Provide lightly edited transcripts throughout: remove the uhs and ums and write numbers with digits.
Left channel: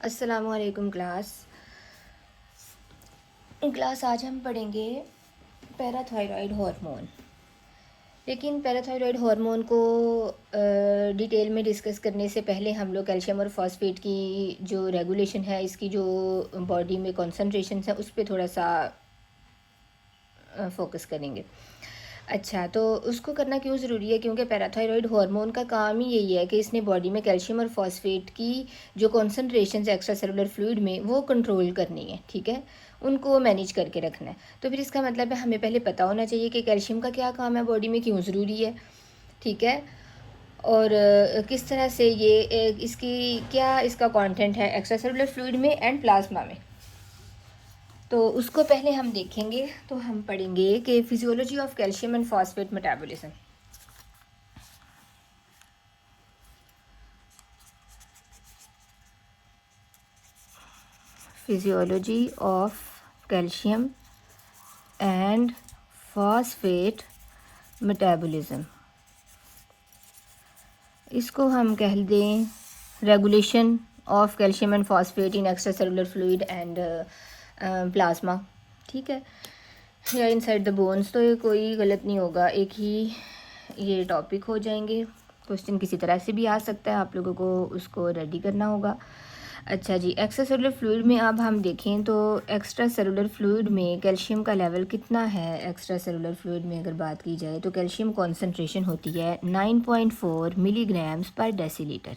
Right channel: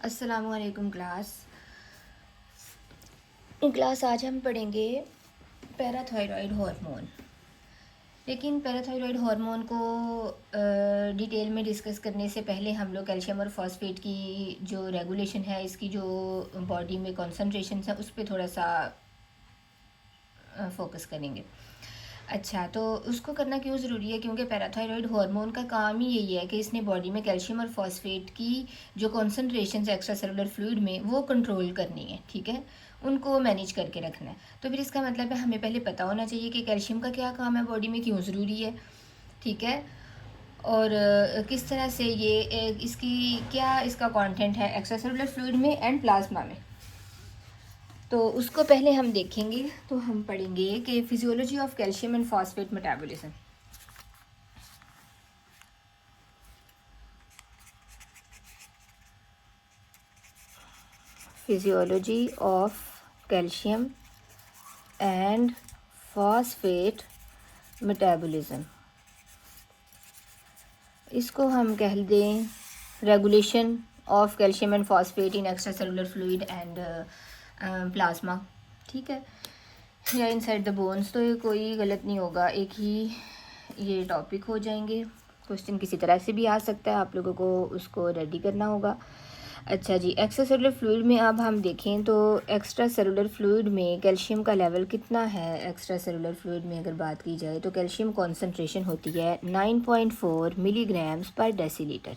अस्सलामुअलैकुम क्लास आज हम पढ़ेंगे पैराथायरॉयड हार्मोन। लेकिन पैराथायरॉयड हार्मोन को डिटेल में डिस्कस करने से पहले हम लोग कैल्शियम और फॉस्फेट की जो रेगुलेशन है, इसकी जो बॉडी में कॉन्सेंट्रेशन है, उस पर थोड़ा सा फोकस करेंगे। अच्छा, तो उसको करना क्यों ज़रूरी है? क्योंकि पैराथायरॉयड हार्मोन का काम ही यही है कि इसने बॉडी में कैल्शियम और फॉस्फेट की जो कॉन्सेंट्रेशन है एक्स्ट्रा सेलुलर फ्लूइड में, वो कंट्रोल करनी है। ठीक है, उनको मैनेज करके रखना है। तो फिर इसका मतलब है हमें पहले पता होना चाहिए कि कैल्शियम का क्या काम है, बॉडी में क्यों ज़रूरी है। ठीक है, और किस तरह से ये इसकी क्या इसका कंटेंट है एक्स्ट्रा सेलुलर फ्लूइड में एंड प्लाज्मा में। तो उसको पहले हम देखेंगे। तो हम पढ़ेंगे कि physiology of calcium and phosphate metabolism. Physiology of calcium and phosphate metabolism, इसको हम कह दें regulation of calcium and phosphate in extra cellular fluid and plasma. ठीक है, या इनसाइड द बोन्स। तो ये कोई गलत नहीं होगा, एक ही ये टॉपिक हो जाएंगे। क्वेश्चन किसी तरह से भी आ सकता है, आप लोगों को उसको रेडी करना होगा। अच्छा जी, एक्स्ट्रा सेलुलर फ्लूइड में अब हम देखें तो एक्स्ट्रा सेलुलर फ्लूइड में कैल्शियम का लेवल कितना है। एक्स्ट्रा सेलुलर फ्लूइड में अगर बात की जाए तो कैल्शियम कॉन्सेंट्रेशन होती है 9.4 मिलीग्राम्स पर डेसीलीटर।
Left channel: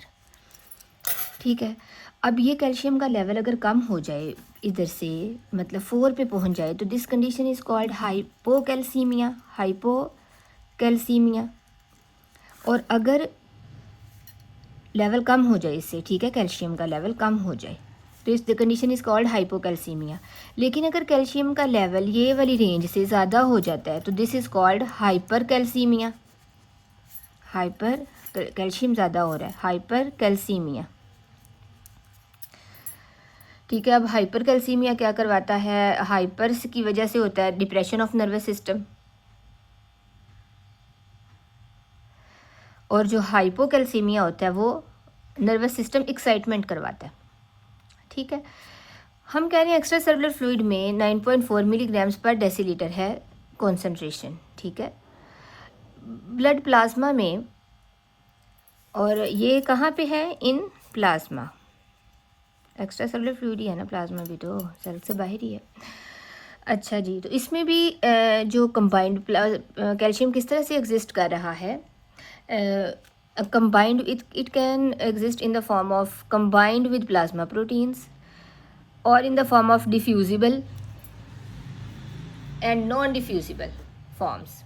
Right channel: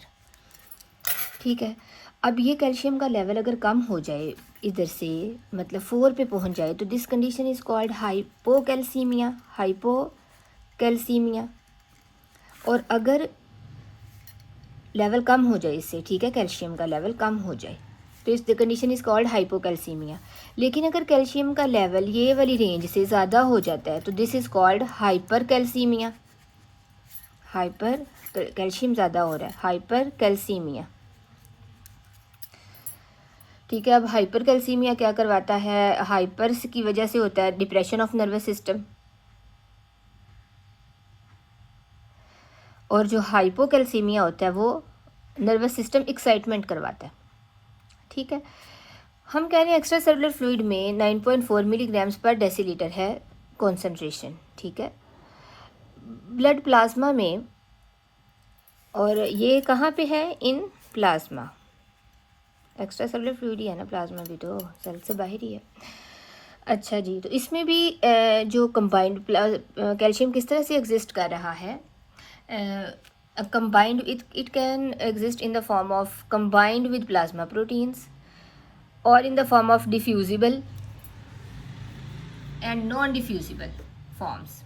ठीक है, अब ये कैल्शियम का लेवल अगर कम हो जाए इधर से, मतलब 4 पे पहुंच जाए, तो this condition is called hypocalcaemia. Hypocalcaemia. और अगर लेवल कम हो जाए इससे, ठीक है, कैल्शियम का लेवल कम हो जाए, तो इस कंडीशन इज कॉल्ड हाइपोकैल्सीमिया। लेकिन अगर कैल्शियम का लेवल ये वाली रेंज से ज़्यादा हो जाता है तो this is called hyper calcaemia. Hyper calcium ज़्यादा हो रहा है, हाइपर कैल्सीमिया। ठीक है, अब हाइपर कैल्सीमिया क्या करवाता है? हाइपर की वजह से होता है डिप्रेशन ऑफ नर्वस सिस्टम, और जो हाइपोकैल्सीमिया होता है वो नर्वस सिस्टम एक्साइटमेंट करवाता है। ठीक है, हम कह रहे हैं एक्स्ट्रा सेलुलर फ्लूइड में 9.4 मिलीग्राम्स पर डेसीलीटर है कॉन्सेंट्रेशन। ठीक है, ब्लड प्लाज्मा में, और ये कहाँ पे है? In plasma. Extracellular fluid ही है ना, प्लाज्मा भी तो सेल से बाहर ही है। अच्छा जी, तो इसमें भी जो कंबाइंड कैल्शियम किस तरह से एग्जिस्ट कर रहा है? Combined, it can exist in the form of combined with plasma proteins और in the form of diffusible and non diffusible forms.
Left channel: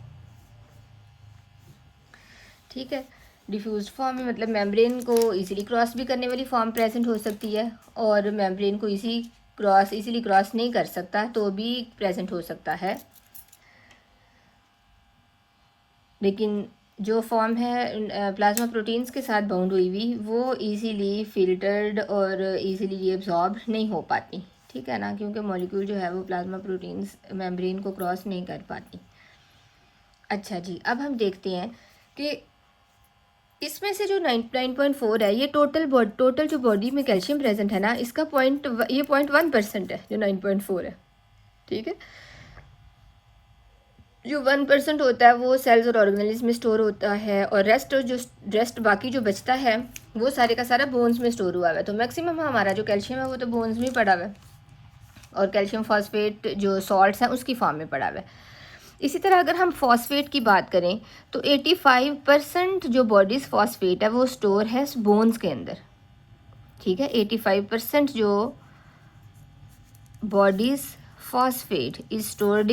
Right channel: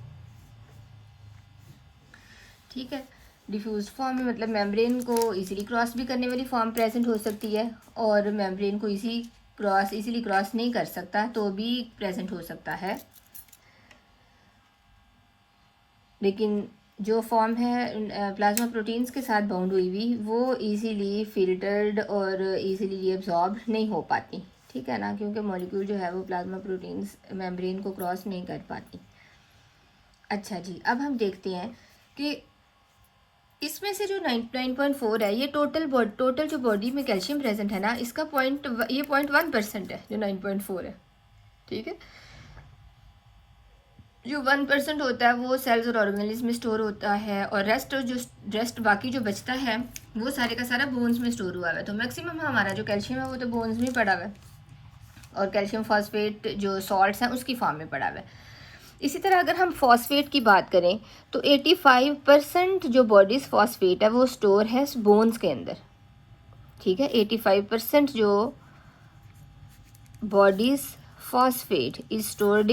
ठीक है, डिफ्यूज फॉर्म में मतलब मेम्ब्रेन को इजीली क्रॉस भी करने वाली फॉर्म प्रेजेंट हो सकती है, और मेम्ब्रेन को इजीली क्रॉस नहीं कर सकता तो भी प्रेजेंट हो सकता है। लेकिन जो फॉर्म है प्लाज्मा प्रोटीन्स के साथ बाउंड हुई हुई, वो इजीली फिल्टर्ड और इजीली एब्जॉर्ब नहीं हो पाती। ठीक है ना, क्योंकि मॉलिक्यूल जो है वो प्लाज्मा प्रोटीन्स मेम्ब्रेन को क्रॉस नहीं कर पाती। अच्छा जी, अब हम देखते हैं कि इसमें से जो 9.4 है, ये टोटल जो बॉडी में कैल्शियम प्रेजेंट है ना, इसका ये 0.1% है जो 9.4 है। ठीक है, जो 1% होता है वो सेल्स और ऑर्गेनेल्स में स्टोर होता है, और रेस्ट बाकी जो बचता है वो सारे का सारा बोन्स में स्टोर हुआ हुआ है। तो मैक्सिमम हमारा जो कैल्शियम है वो तो बोन्स में पड़ा हुआ है, और कैल्शियम फॉस्फेट जो सॉल्ट्स हैं उसकी फॉर्म में पड़ा हुआ है। इसी तरह अगर हम फॉस्फेट की बात करें तो 85% जो बॉडीज फॉस्फेट है वो स्टोर है बोन्स के अंदर। ठीक है, 85% जो bodies phosphate is stored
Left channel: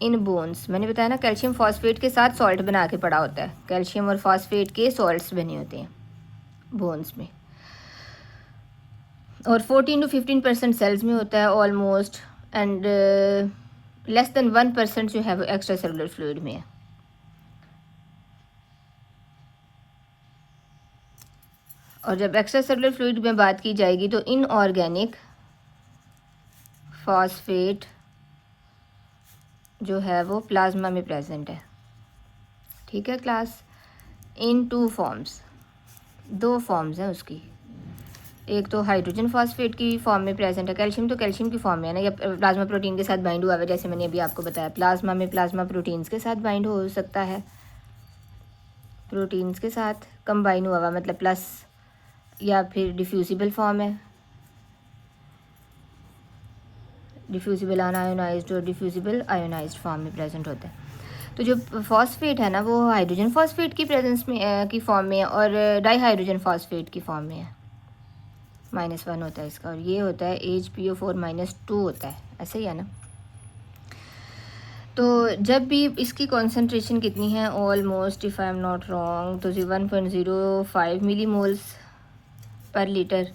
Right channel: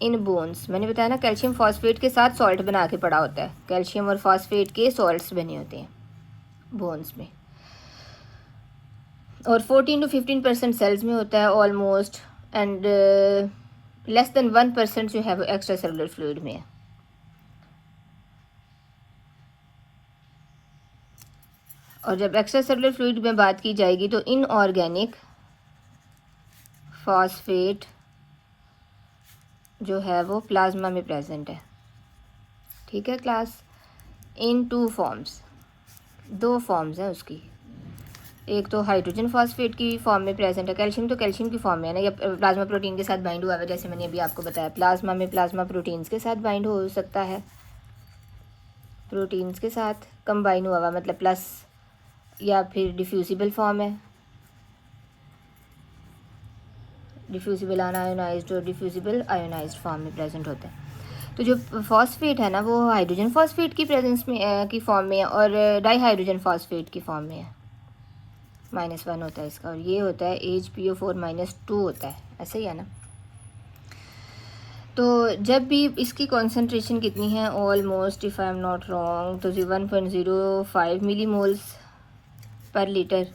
in bones. मैंने बताया ना, कैल्शियम फॉस्फेट के साथ सॉल्ट बना के पड़ा होता है, कैल्शियम और फॉस्फेट के सॉल्ट्स बने होते हैं बोन्स में, और 14 to 15% सेल्स में होता है ऑलमोस्ट, एंड लेस देन 1% जो है वो एक्स्ट्रा सेलुलर फ्लूइड में है। और जब एक्स्ट्रा सेलुलर फ्लूइड में बात की जाएगी तो इनऑर्गेनिक फॉस्फेट जो है वो प्लाज्मा में प्रेजेंट है। ठीक है क्लास, इन 2 फॉर्म्स, 2 फॉर्म्स हैं उसकी। एक तो हाइड्रोजन फॉस्फेट की फॉर्म में प्रेजेंट है, कैल्शियम तो कैल्शियम की फॉर्म में है ना, या प्लाज्मा प्रोटीन के साथ बाइंड हुआ है, जैसे मैंने अभी आपको बताया प्लाज्मा में प्लाज्मा प्रोटीन्स के साथ बाइंड हो सकता है, प्रोटीन्स के साथ कंबाइन हुआ मतलब प्लस, या फिर डिफ्यूजिबल फॉर्म है, डिफ्यूजिबल अनआयोनाइज्ड और डिफ्यूजिबल आयोनाइज्ड फॉर्म में प्रेजेंट होता है। तो जो फॉस्फेट है ना वो हाइड्रोजन फॉस्फेट की प्रेजेंस में की फॉर्म में है और डाई हाइड्रोजन फॉस्फेट की फॉर्म में है, -1 होता है इसका, और ये होता है HPO4-2 होता है, ऐसे ही है ना। तो जब भी इसकी कॉन्सेंट्रेशन कितनी है, almost if I am not wrong तो 1.05 मिलीमोल्स पर लीटर,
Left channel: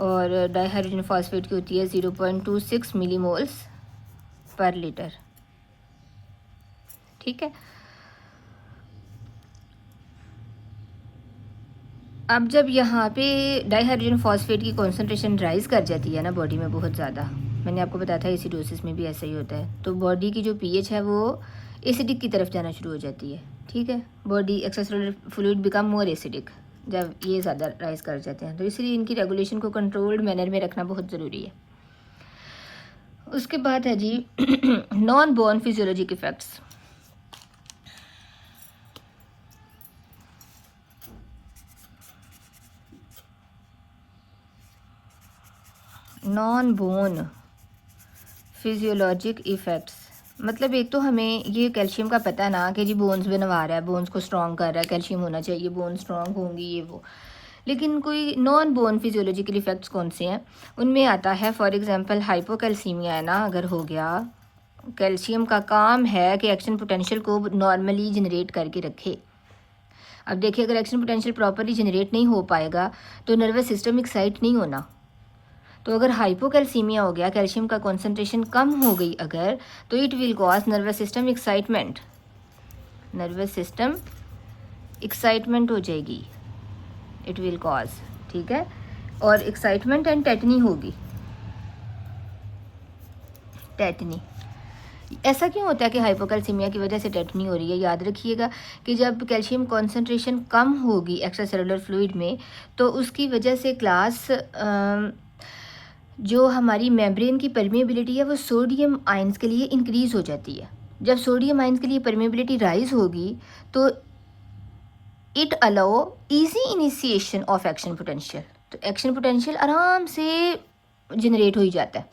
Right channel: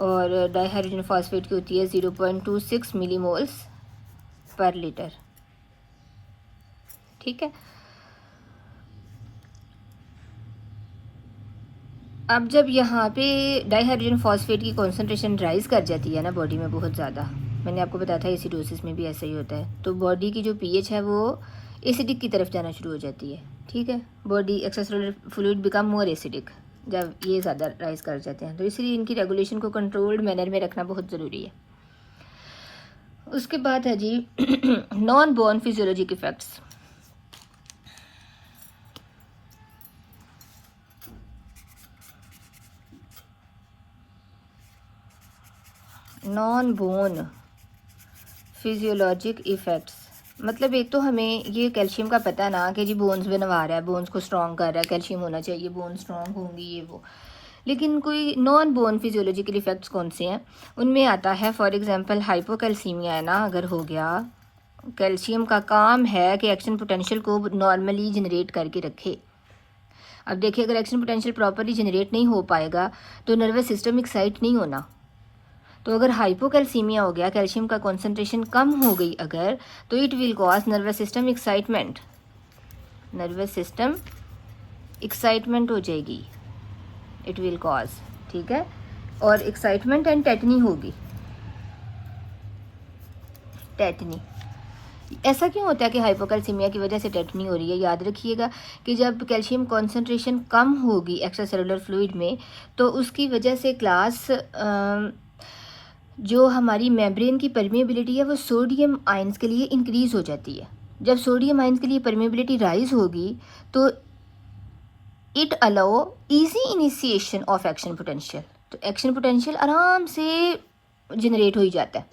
और डाई हाइड्रोजन फॉस्फेट की होती है 0.26 मिलीमोल्स पर लीटर, ठीक है। अब जब यहाँ पे डाई हाइड्रोजन फॉस्फेट की कॉन्सेंट्रेशन राइज कर जाती है ना बॉडी में बहुत ज़्यादा, मैंने आपको बताया था एसिडोसिस में भी ऐसा ही होता है, तो बॉडी की जो पीएच है वो एसिडिक की तरफ जाना शुरू हो जाती है, ठीक है। Body extracellular fluid become more acidic जब ये ज़्यादा राइज कर जाते हैं, तो इसलिए इनकी रेगुलेशन को कंट्रोल्ड मैनर में रखना बहुत ज़रूरी है। उसके बाद है जी non bone physiologic effects. Non bone physiologic effects मतलब एक तो हमें ये कैल्शियम का पता है ना कि जी बोन्स बनवा रहा है, बोन्स को स्ट्रॉन्ग कर रहा है, कैल्शियम होना चाहिए, बोन स्ट्रॉन्ग होंगी ये वो, लेकिन कोई नॉन बोन फिजियोलॉजिकल इफेक्ट्स कौन से हैं, उनमें आता है फॉर एग्जांपल हाइपोकैल्सीमिया है ना, अगर हो गया, कैल्शियम का काम है कि एक्शन पोटेंशियल को नॉर्मली जनरेट करके रखे। अब देखिए अगर एक्शन पोटेंशियल प्रॉपरली जनरेट नहीं हो पाएगा तो नर्वस सिस्टम एक्साइट नहीं होना, तो अगर हाइपोकैल्सीमिया हो गया, कैल्शियम का कॉन्सेंट्रेशन कम हो गई अगर, तो it will cause nervous system excitement, nervous system excitement हो जाएगी, इट विल कॉज, ठीक है, और एक्साइटमेंट एंड टेटनी होगी, टेटनी। ऐसा क्यों होता है कि हाइपोकैल्सीमिया की वजह से टेटनी हो रही है, याद रखिएगा कि जब कैल्शियम कॉन्सेंट्रेशन कम होगी एक्स्ट्रासेलुलर फ्लूइड में तो उसकी वजह से क्लास जो हमारी मेम्ब्रेन की परमेबिलिटी है वो सोडियम आयंस के लिए इंक्रीज हो जाती है। जब सोडियम आयंस के लिए परमेबिलिटी राइज होगी तो it allow easy initiation of action potential, तो एक्शन पोटेंशियल आराम से जनरेट हो ही जाता है।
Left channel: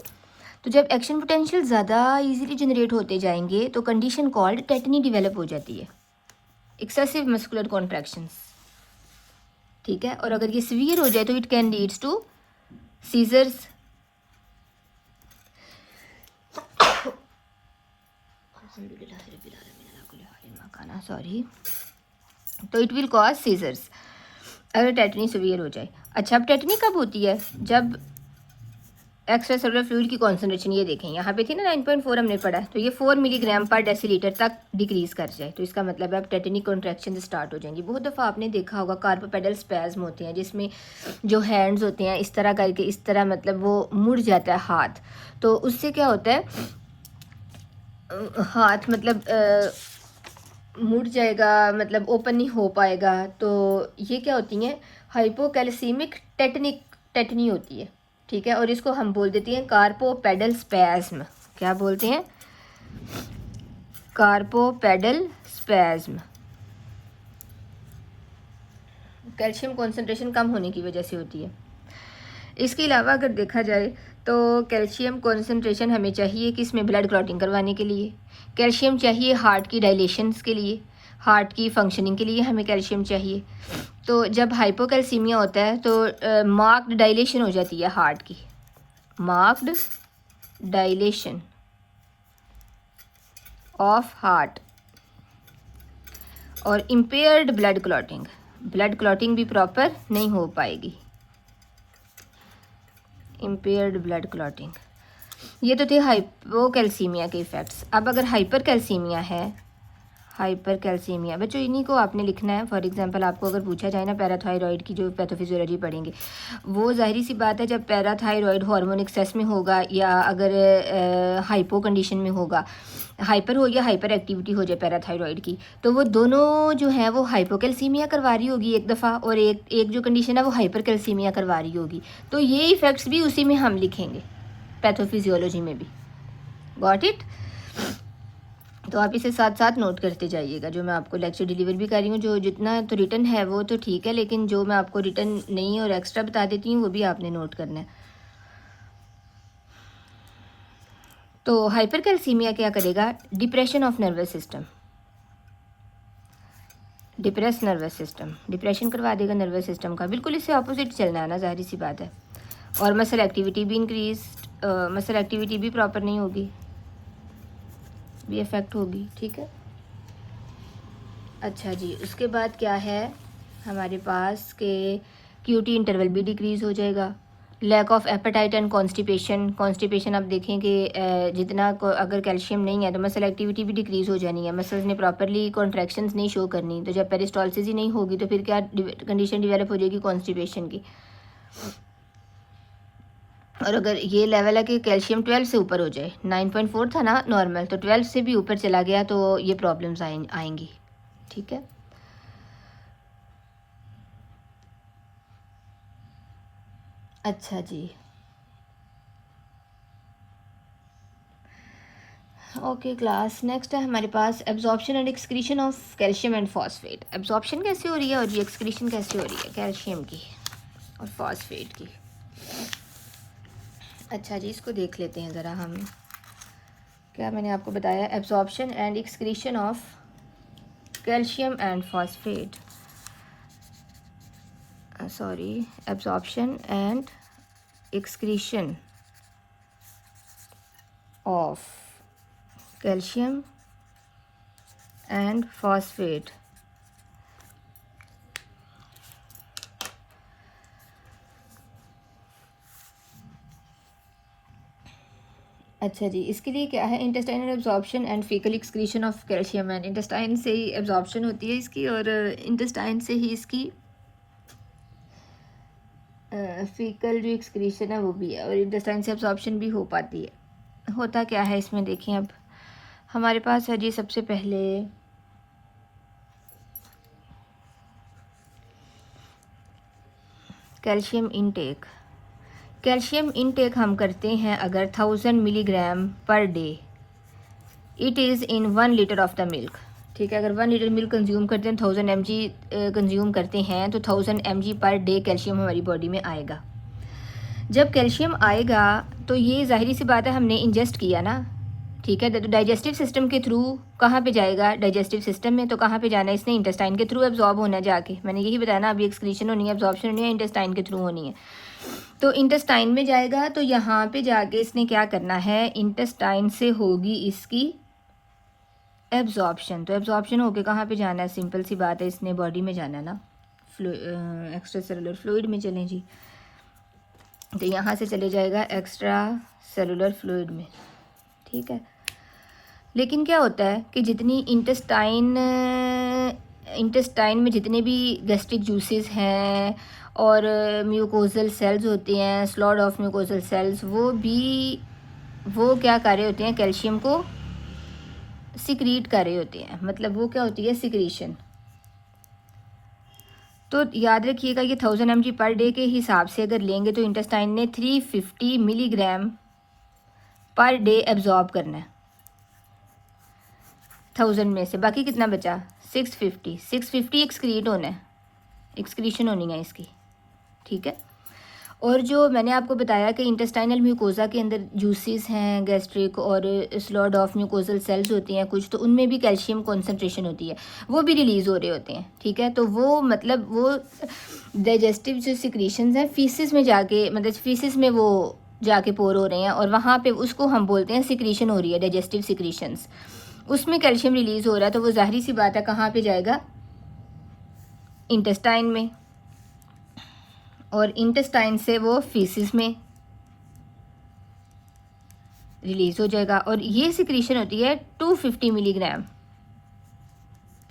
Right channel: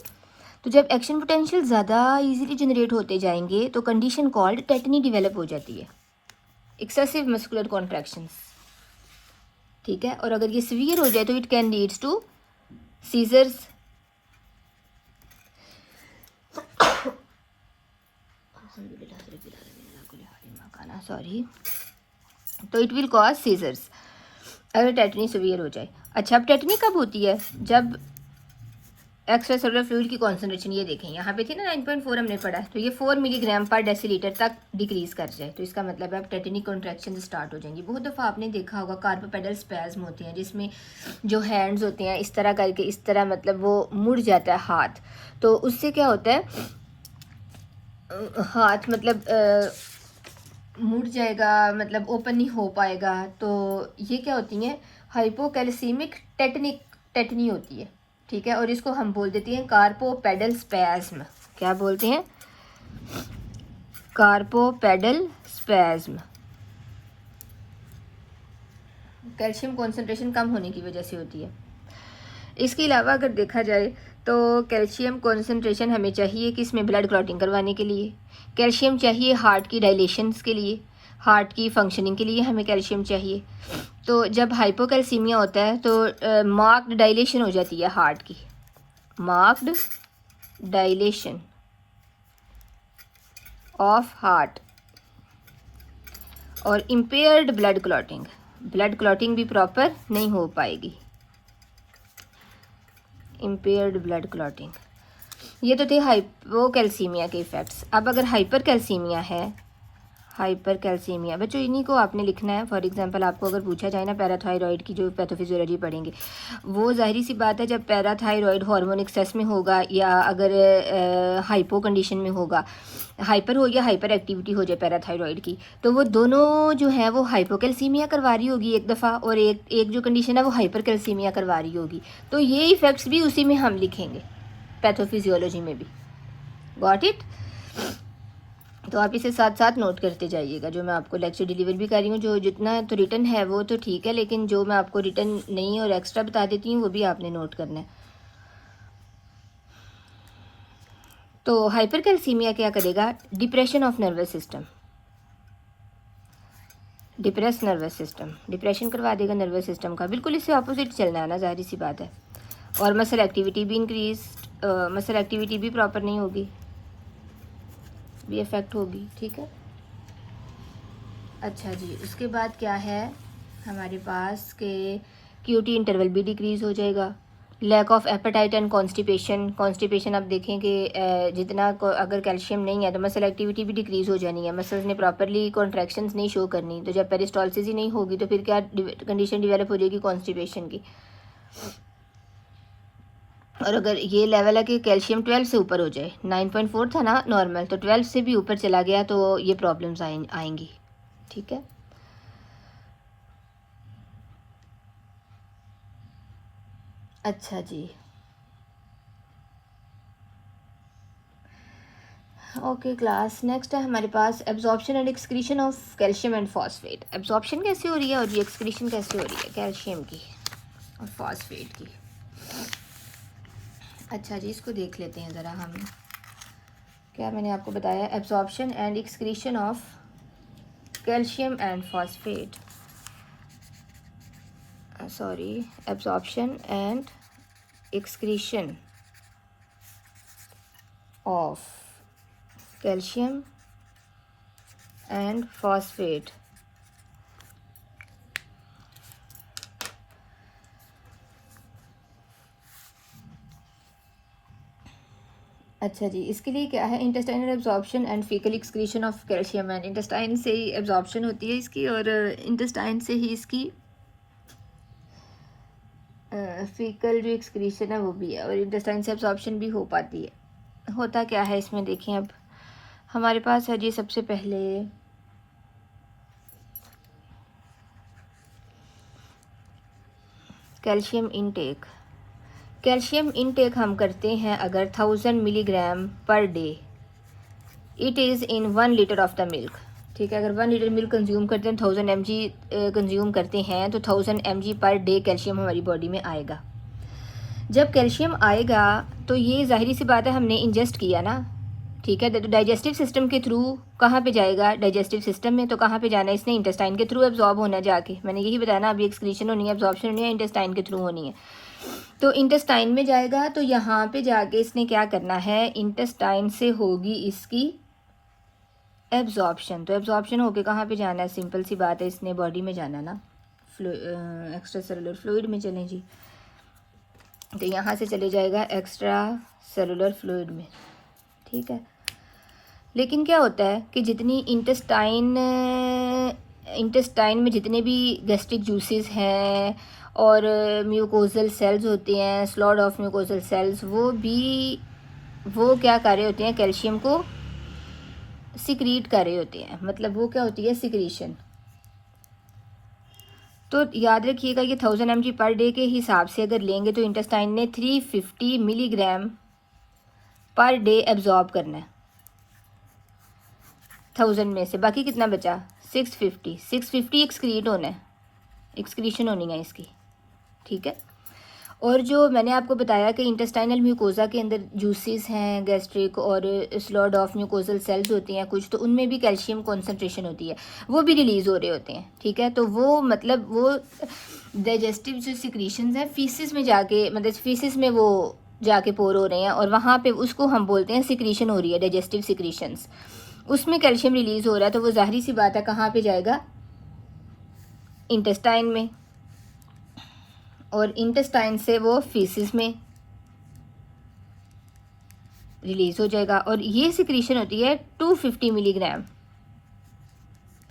तो जब एक्शन पोटेंशियल ज़्यादा इजीली जनरेट होते जाएंगे तो कंडीशन कॉल्ड टेटनी डेवलप हो जाती है, एक्सेसिव मस्कुलर कॉन्ट्रैक्शंस, ठीक है। और अगर ये सीवियर हो जाए तो it can leads to seizures, sorry, तो इट विल कॉज सीजर्स अगर टेटनी सीवियर हो जाए। अच्छा, अब टेटनी कब होती है, जब एक्स्ट्रासेलुलर फ्लूइड की कॉन्सेंट्रेशन, ये देखें यहाँ पे थी ना 9.4 हमने पढ़ा, तो ये 4 मिलीग्राम पर डेसीलीटर तक डिक्रीज कर जाए तो इसका मतलब है अब टेटनिक कॉन्ट्रैक्शन स्टार्ट हो जाएंगी। बहुत दफ़ा आपने देखा होगा कार्पोपेडल स्पैज्म होते हैं जिसमें जो हैंड्स होते हैं इस तरह करके, इस तरह मतलब वो मुड़ जाता है हाथ, तो उससे क्या होता है हाथ मतलब मुड़ जाएगा, मतलब ओपन नहीं हो पाएगा, तो ये क्या होती हैं हाइपोकैल्सीमिक टेटनी होती है, ठीक है। और इसको हम बोल देते हैं कार्पोपेडल स्पैज्म, क्या बोलते हैं, कार्पोपेडल स्पैज्म, कैल्शियम कॉन्सेंट्रेशन कम होने की वजह से होती है। इसके अलावा अगर देखा जाए तो कैल्शियम कॉन्सेंट्रेशन हमें चाहिए कि इसमें ब्लड क्लॉटिंग करवाने के लिए, कैल्शियम चाहिए हार्ट की डायलेशंस के लिए, हार्ट की फंक्शनिंग के लिए हमें कैल्शियम चाहिए। तो जब हाइपोकैल्सीमिया होता है तो मार्क्ड डायलेशन हो जाती है हार्ट की, मार्क्ड डायलेशन ऑफ हार्ट, और impaired blood clotting, blood clotting भी प्रॉपर नहीं हो पाएगी, इम्पेयर्ड ब्लड क्लॉटिंग। ये तो थे हाइपोकैल्सीमिया के इफेक्ट्स। अब अगर हाइपर कैल्सीमिया है, हाइपर कैल्सीमिया। बच्चों इन्हीं को आपने लिखना है। फॉर एग्जांपल आपको अगर पूछा जाए ना पैराथायरॉयड की जो पैथोफिजियोलॉजी पढ़ेंगे, वो जाहिर सी बात है जब पैराथायरॉयड हार्मोन एक्सेस में होगा या अगर हाइपो कंडीशन में होगा, हाइपर हो या हाइपर एक्टिविटी हो जाए पैराथायरॉयड की, तो वो दोनों जो है वो हाइपोकैल्सीमिया करवा रही होगी एक दफ़ा, और एक जो कंडीशन है वो हाइपर कैल्सीमिया करवा रही होगी। तो ये इफेक्ट्स भी उसी में हम लिखेंगे, पैथोफिजियोलॉजी में भी। Got it? तो आप इसे साथ साथ नोट करते जाइएगा। जो मैं आपको लेक्चर डिलीवर भी कर रही हूँ, जो जितना तो रिटर्न है वो तो ठीक है, लेकिन जो मैं आपको रिटर्न नहीं और एक्स्ट्रा बता देती हूँ वो भी आपने नोट करना है। तो हाइपर कैल्सीमिया क्या करेगा? Depression of nervous system, depress nervous system, depression करवा देगा नर्वस सिस्टम का। बिल्कुल इससे ऑपोजिट चलना है ना, जाहिर सी बात है। और मसल एक्टिविटी भी इंक्रीज, मसल एक्टिविटी भी प्रॉपर नहीं होगी, भी इफेक्ट होगी। ठीक है, अच्छा जी। उसके बाद क्या है हमारे पास के क्यूटी इंटरवल भी डिक्रीज हो जाएगा। Lack of appetite and constipation, constipation आप देखें कि जितना अगर कैल्शियम नहीं है तो मसल एक्टिविटी भी डिक्रीज हो जानी है, मसल्स ने प्रॉपरली कॉन्ट्रैक्शंस नहीं शो करनी। तो जब पेरिस्टॉल्सिस ही नहीं होगी तो फिर क्या कंडीशन डिवेलप हो जाएगी? कॉन्स्टिपेशन की। और अगर ये लेवल है कि कैल्शियम 12 से ऊपर हो जाए, 9.4 था ना नॉर्मल, तो 12 से भी ऊपर चला गया तो ये प्रॉब्लम्स आएंगी। ठीक है, अच्छा जी। ओके क्लास, नेक्स्ट है हमारे पास absorption and excretion of calcium and phosphate. Absorption कैसे हो रही है और ये एक्सक्रीशन कैसे हो रही है कैल्शियम की और फॉस्फेट की? अच्छा जी, इसको देख लेते हैं ज़रा हम। क्या मैंने आपको बताया? Absorption and excretion of calcium and phosphate, sorry, absorption and excretion of calcium and phosphate. अच्छा जी, इसके लिए क्या है? Intestinal absorption and faecal excretion of calcium and, intestine से ही एब्जॉर्प्शन होती है इसकी और इंटेस्टाइन से ही इसकी फीकल जो एक्सक्रीशन है वो भी है, और इंटेस्टाइन से एब्जॉर्प्शन भी हो पाती है। होता क्या है इसमें देखिए, अब हमारे पास है जी सबसे पहले कैल्शियम इनटेक। कैल्शियम इनटेक हम करते हैं अगर 1000 milligram per day, it is in 1 litre of the milk. ठीक है, अगर 1 लीटर मिल्क कंज्यूम करते हैं, 1000 mg कंज्यूम करते हैं, तो 1000 mg पर डे कैल्शियम हमारी बॉडी में आएगा। जब कैल्शियम आएगा तो ये जाहिर सी बात है हमने इंजेस्ट किया ना, ठीक है, तो डाइजेस्टिव सिस्टम के थ्रू कहाँ पे जाएगा? डाइजेस्टिव सिस्टम में। तो कहाँ पे जाना है इसने? इंटेस्टाइन के थ्रू एब्जॉर्ब होना है जाके। मैंने यही बताया ना, अभी एक्सक्रीशन होनी है, एब्जॉर्प्शन होनी है, इंटेस्टाइन के थ्रू होनी है। तो इंटेस्टाइन में जाएगा तो यहाँ पे जाके इसने क्या करना है? इंटेस्टाइन से होगी इसकी एब्जॉर्प्शन। तो एब्जॉर्प्शन होके कहाँ पे जाना है? सिंपल सी बात है, इसने बॉडी में जाना है ना, एक्स्ट्रा सेलुलर फ्लूइड में चले जी। तो यहाँ से चले जाएगा एक्स्ट्रा सेलुलर फ्लूइड में। ठीक है, लेकिन क्या होता है कि जितनी इंटेस्टाइन में जितने भी गैस्ट्रिक जूसेस हैं और म्यूकोजल सेल्स होते हैं, स्लॉड ऑफ म्यूकोजल सेल्स, वो क्या कर रहे होते हैं? कैल्शियम को सिक्रीट कर रहे होते हैं। मतलब वो क्या होती है? सिक्रीशन। तो याद रखिएगा ये 1000 mg पर डे के हिसाब से अगर लेंगे तो इंटेस्टाइन ने 350 मिलीग्राम पर डे एब्जॉर्ब करना है 1000 में से। बाकी कितना बचा? 650 एक्सक्रीट होना है, एक्सक्रीशन होनी है इसकी। ठीक है, और जो मैंने आपको बताया कि इंटेस्टाइनल म्यूकोजा के अंदर जूसेस हैं गैस्ट्रिक और स्लॉड ऑफ म्यूकोजल सेल्स होती हैं कुछ, तो उनमें भी कैल्शियम कॉन्सेंट्रेशन होती है, वो भी रिलीज हो रहे होते हैं। ठीक है, तो वो मतलब वो डाइजेस्टिव जो सिक्रीशंस हैं फीसिस में जाके, मतलब फीसिस में वो जाके पोर हो रहे हैं और वहाँ पे उसको हम बोलते हैं सिक्रीशन हो रही है, डाइजेस्टिव सिक्रीशंस, उसमें कैल्शियम रिलीज हो रहा है। तो वो जाहिर सी बात है कहाँ पे जाएगा? इंटेस्टाइन में, और इंटेस्टाइन से वो फीसिस में रिलीज हो जाएगा। और ये सिक्रीशन होती है 250 मिलीग्राम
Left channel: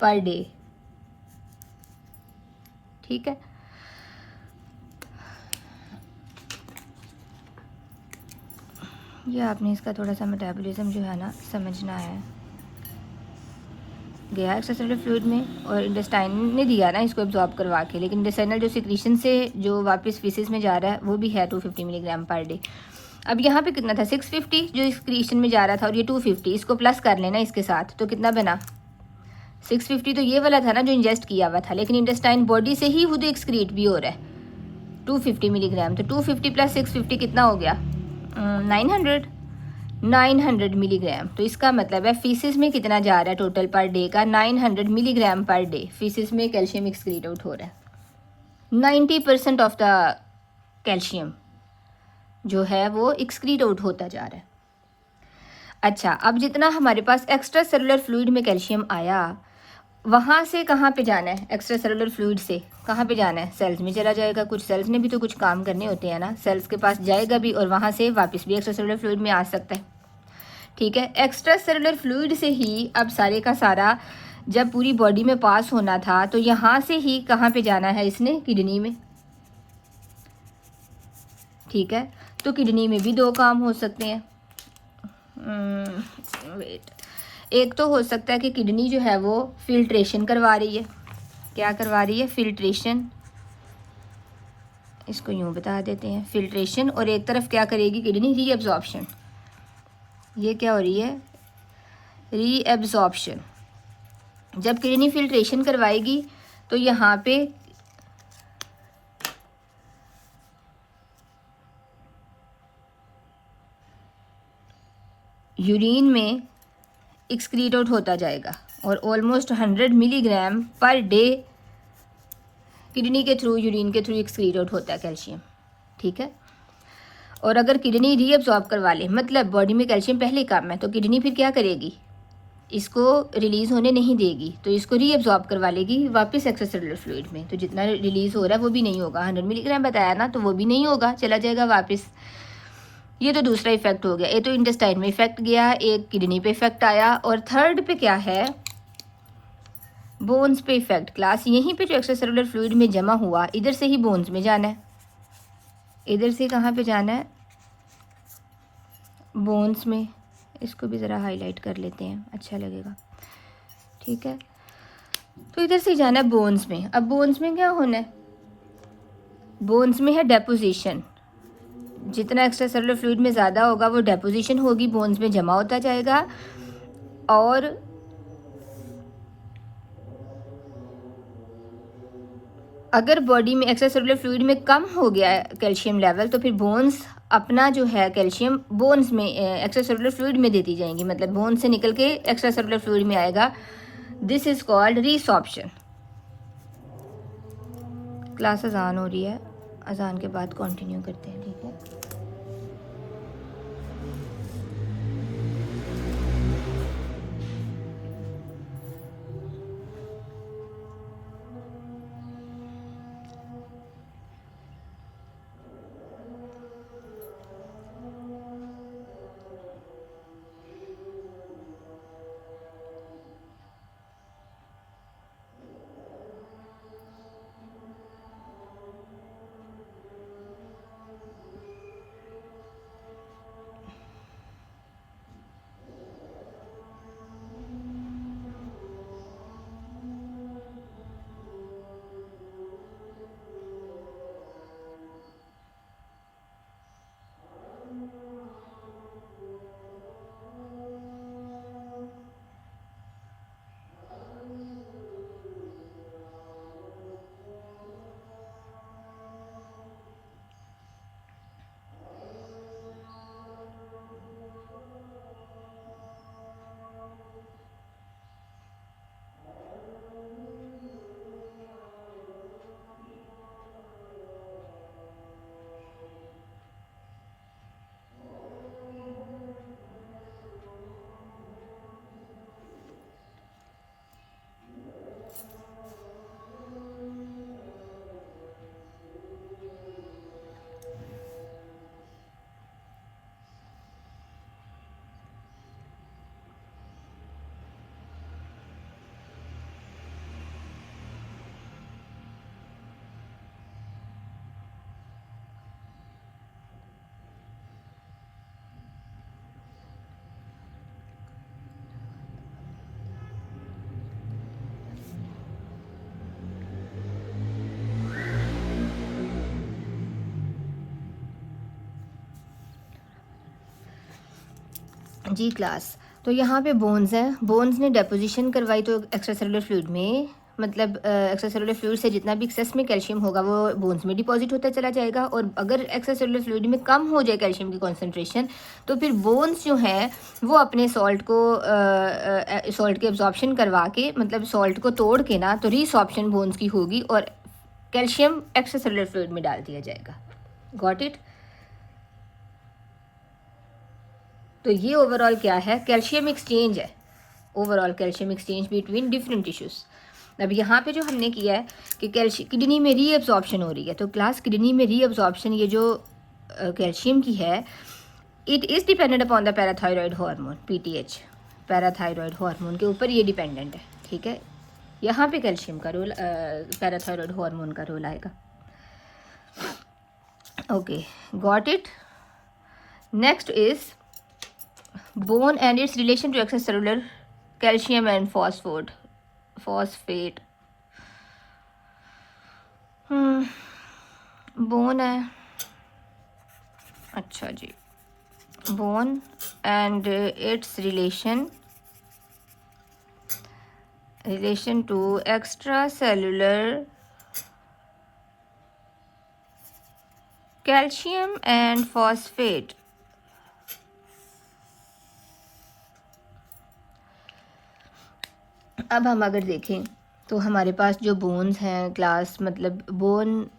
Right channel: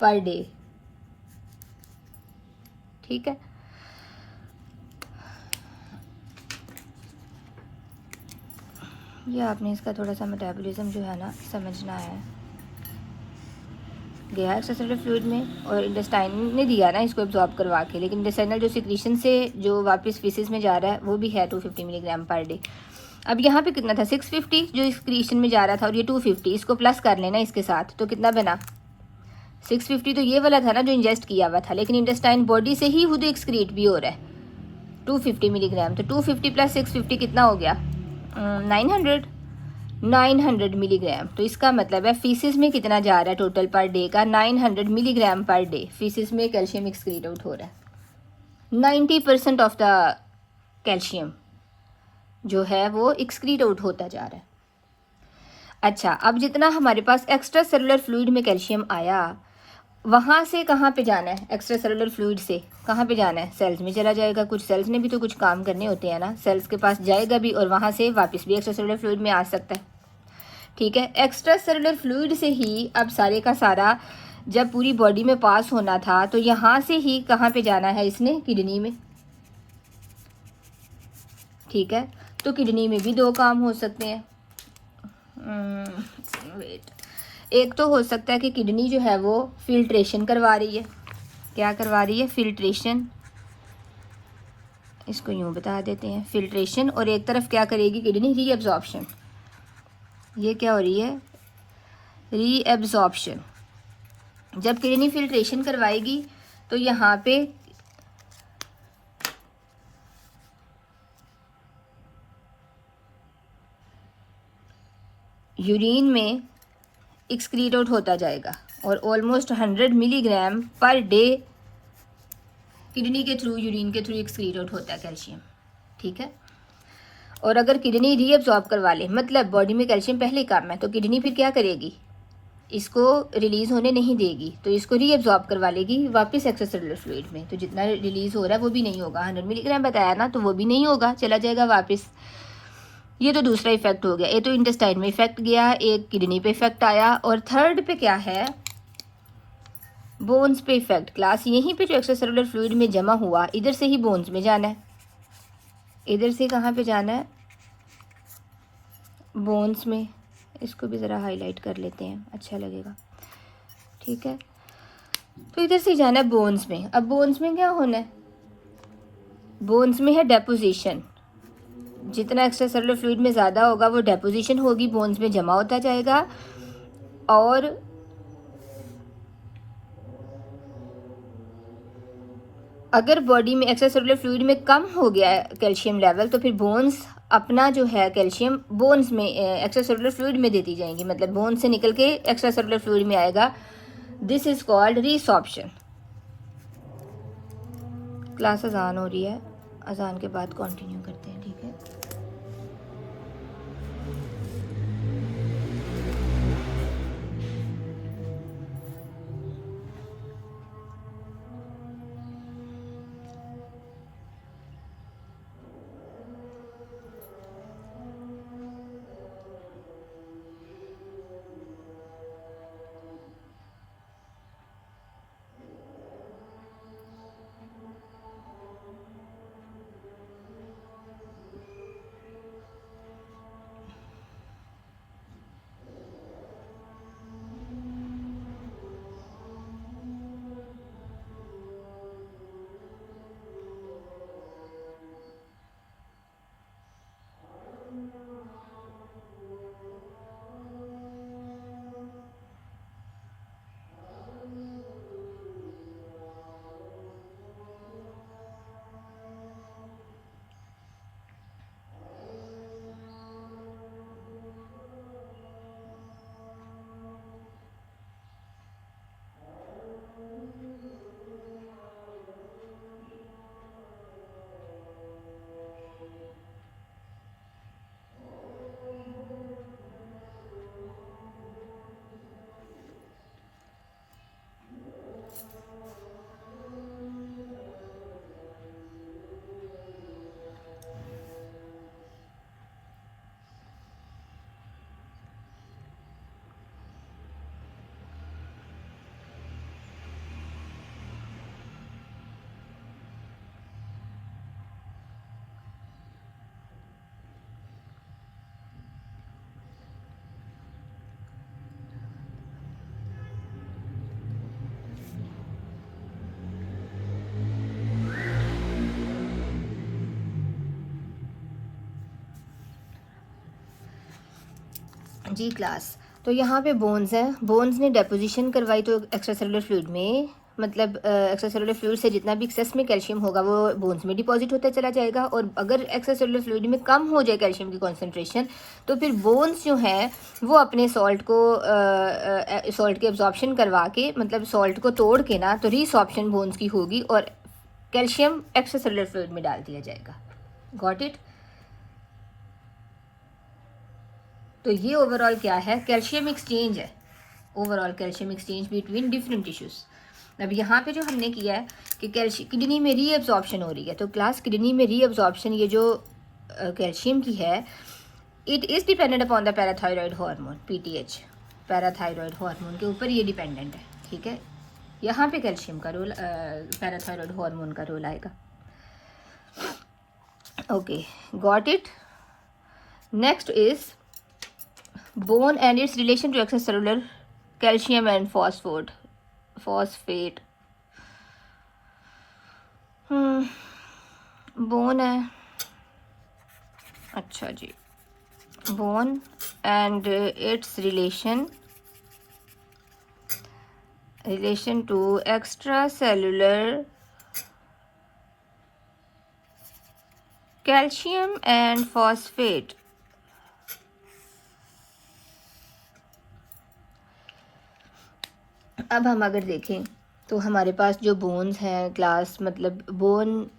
पर डे, ठीक है। ये आपने इसका थोड़ा सा मेटाबॉलिज्म जो है ना समझना है। दिया एक्स्ट्रासेलुलर फ्लूइड में और इंटेस्टाइन ने दिया ना इसको एब्जॉर्ब करवा के, लेकिन इंटेस्टाइनल जो सिक्रीशन से जो वापस फीसिस में जा रहा है वो भी है 250 मिलीग्राम पर डे। अब यहाँ पे कितना था 650 जो एक्सक्रीशन में जा रहा था, और ये 250, इसको प्लस कर लेना इसके साथ, तो कितना बना 650। तो ये वाला था ना जो इंजेस्ट किया हुआ था, लेकिन इंटेस्टाइन बॉडी से ही खुद एक्सक्रीट भी हो रहा है 250 मिलीग्राम। तो 250 प्लस 650 कितना हो गया 900 मिलीग्राम। तो इसका मतलब है फीसिस में कितना जा रहा है टोटल पर डे का 900 मिलीग्राम पर डे फीसिस में कैल्शियम एक्सक्रीट आउट हो रहा है। 90% ऑफ द कैल्शियम जो है वो एक्सक्रीट आउट होता जा रहा है। अच्छा, अब जितना हमारे पास एक्स्ट्रा सेलुलर फ्लूइड में कैल्शियम आया, वहां से कहाँ पे जाना है, एक्स्ट्रा सेलुलर फ्लूइड से कहाँ पे जाना है, सेल्स में चला जाएगा। कुछ सेल्स ने भी तो कुछ काम करने होते हैं ना, सेल्स के पास जाएगा भी और वहां से वापस भी एक्स्ट्रा सेलुलर फ्लूइड में आ सकता है, ठीक है। एक्स्ट्रा सेलुलर फ्लूइड से ही अब सारे का सारा जब पूरी बॉडी में पास होना था, तो यहां से ही कहाँ पे जाना है इसने, किडनी में, ठीक है। तो किडनी में भी दो काम हो सकते हैं। वेट, एक तो हो सकता है कि किडनी जो है वो फिल्ट्रेशन करवा रही है। क्या करवा रही है, फिल्ट्रेशन, इसको यूं बता देते हैं फिल्ट्रेशन। और एक तरफ क्या करेगी किडनी, रीएब्जॉर्प्शन। ये क्या हो रही है, रीएब्जॉर्प्शन। जब किडनी फिल्ट्रेशन करवाएगी तो यहाँ पे यूरिन में एक्सक्रीट आउट होता जाएगा और almost 100 milligram per day kidney के थ्रू, यूरिन के थ्रू एक्सक्रीट आउट होता है कैल्शियम, ठीक है। और अगर किडनी रीअब्जॉर्ब करवा ले, मतलब बॉडी में कैल्शियम पहले कम है, तो किडनी फिर क्या करेगी, इसको रिलीज होने नहीं देगी, तो इसको रीअब्जॉर्ब करवा लेगी वापस एक्स्ट्रासेलुलर फ्लूइड में। तो जितना रिलीज हो रहा है वो भी नहीं होगा, 100 मिलीग्राम बताया ना, तो वो भी नहीं होगा, चला जाएगा वापस। ये तो दूसरा इफेक्ट हो गया। ये तो इंटेस्टाइन में इफेक्ट गया, एक किडनी पे इफेक्ट आया, और थर्ड पे क्या है, बोन्स पे इफेक्ट। क्लास यहीं पे जो एक्स्ट्रासेलुलर फ्लूइड में जमा हुआ, इधर से ही बोन्स में जाना है। इधर से कहाँ पे जाना है, बोन्स में। इसको भी ज़रा हाईलाइट कर लेते हैं, अच्छा लगेगा, ठीक है। तो इधर से जाना है बोन्स में। अब बोन्स में क्या होना है, बोन्स में है डेपोजिशन। जितना एक्स्ट्रा सेलुलर फ्लूइड में ज़्यादा होगा वो डेपोजिशन होगी, बोन्स में जमा होता जाएगा। और अगर बॉडी में एक्स्ट्रा सेलुलर फ्लूइड में कम हो गया कैल्शियम लेवल, तो फिर बोन्स अपना जो है कैल्शियम बोन्स में एक्स्ट्रा सेलुलर फ्लूइड में देती जाएंगी, मतलब बोन से निकल के एक्स्ट्रा सेलुलर फ्लूइड में आएगा। This is called resorption. Class अजान हो रही है, अजान के बाद कंटिन्यू करते हैं, ठीक है। जी क्लास, तो यहाँ पे बोन्स हैं, बोन्स ने डेपोजिशन करवाई तो एक्स्ट्रा सेलुलर फ्लूइड में, मतलब एक्स्ट्रा सेलुलर फ्लूइड से जितना भी एक्सेस में कैल्शियम होगा वो बोन्स में डिपॉजिट होता चला जाएगा, और अगर एक्स्ट्रा सेलुलर फ्लूइड में कम हो जाए कैल्शियम की कॉन्सेंट्रेशन तो फिर बोन्स जो है वो अपने सॉल्ट के एब्जॉर्प्शन करवा के, मतलब सॉल्ट को तोड़ के ना, तो रीसॉर्प्शन बोन्स की होगी और कैल्शियम एक्स्ट्रा सेलुलर फ्लूइड में डाल दिया जाएगा। Got it? तो ये ओवरऑल क्या है, कैल्शियम एक्सचेंज है, overall calcium exchange between different tissues. अब यहाँ पे जो हमने किया है कि कैल्शियम किडनी में रीअब्जॉर्प्शन हो रही है, तो क्लास किडनी में रीअब्जॉर्प्शन ये जो कैल्शियम की है, it is dependent upon the parathyroid hormone PTH, parathyroid hormone के ऊपर ये डिपेंडेंट है। ठीक है, यहाँ पे कैल्शियम का रोल, पैराथायरॉयड हार्मोन का रोल आएगा। Okay, got it? Next is bone and its relation to extracellular calcium and phosphate। bone है, अच्छा जी, bone and its relation to extracellular calcium and phosphate। अब हम अगर देखें तो हमारे पास जो बोन्स हैं क्लास, मतलब बोन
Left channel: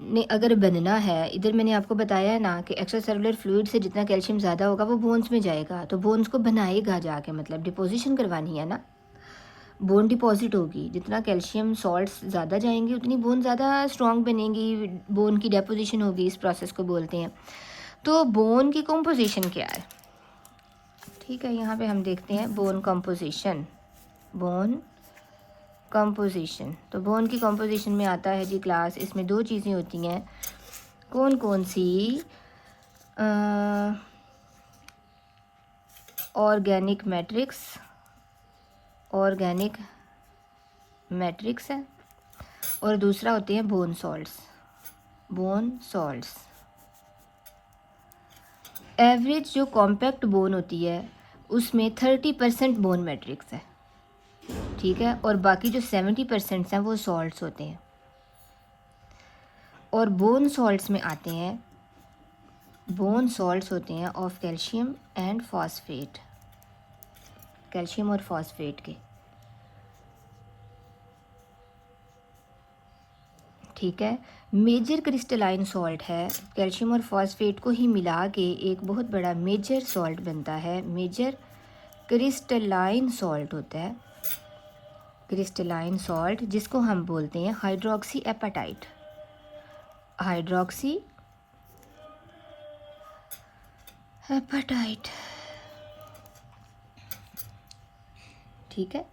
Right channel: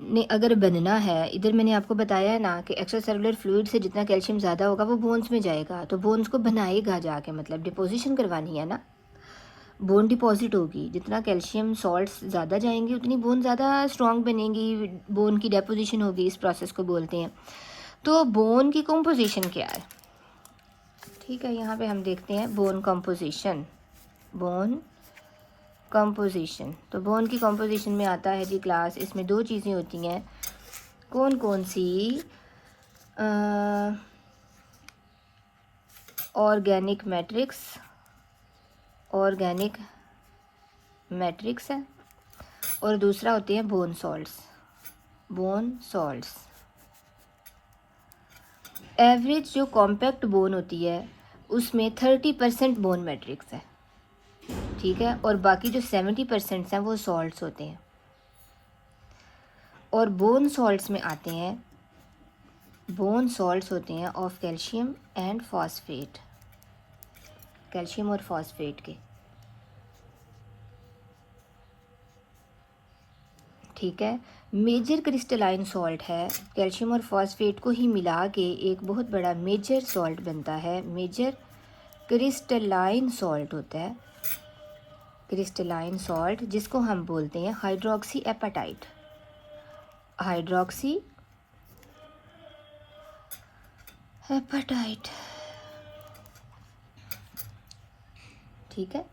ने अगर बनना है, इधर मैंने आपको बताया है ना कि एक्स्ट्रा सेलुलर फ्लूइड से जितना कैल्शियम ज़्यादा होगा वो बोन्स में जाएगा, तो बोन्स को बनाएगा जाके, मतलब डिपोजिशन करवानी है ना, बोन डिपॉजिट होगी, जितना कैल्शियम सॉल्ट्स ज़्यादा जाएंगे उतनी बोन ज़्यादा स्ट्रॉन्ग बनेंगी, बोन की डेपोजिशन होगी, इस प्रोसेस को बोलते हैं। तो बोन की कंपोजिशन क्या है? ठीक है, यहाँ पे हम देखते हैं बोन कंपोजिशन। बोन कंपोजिशन, तो बोन की कंपोजिशन में आता है जी क्लास, इसमें दो चीज़ें होती हैं, कौन कौन सी? ऑर्गेनिक मैट्रिक्स है, और दूसरा होते हैं बोन सॉल्ट्स। एवरेज जो कॉम्पैक्ट बोन होती है उसमें 30% बोन मैट्रिक्स है, ठीक है, और बाकी जो 70% हैं वो सॉल्ट्स होते हैं। और बोन सॉल्ट्स में आते हैं, बोन सॉल्ट्स होते हैं of calcium and phosphate, calcium और फॉस्फेट के। ठीक है, मेजर क्रिस्टलाइन सॉल्ट है, कैल्शियम और फॉस्फेट को ही मिला के एक बहुत बड़ा मेजर सॉल्ट बनता है, मेजर क्रिस्टलाइन सॉल्ट होता है, क्रिस्टलाइन सॉल्ट, जिसको हम बोलते हैं हाइड्रोक्सी एपेटाइट, ठीक है,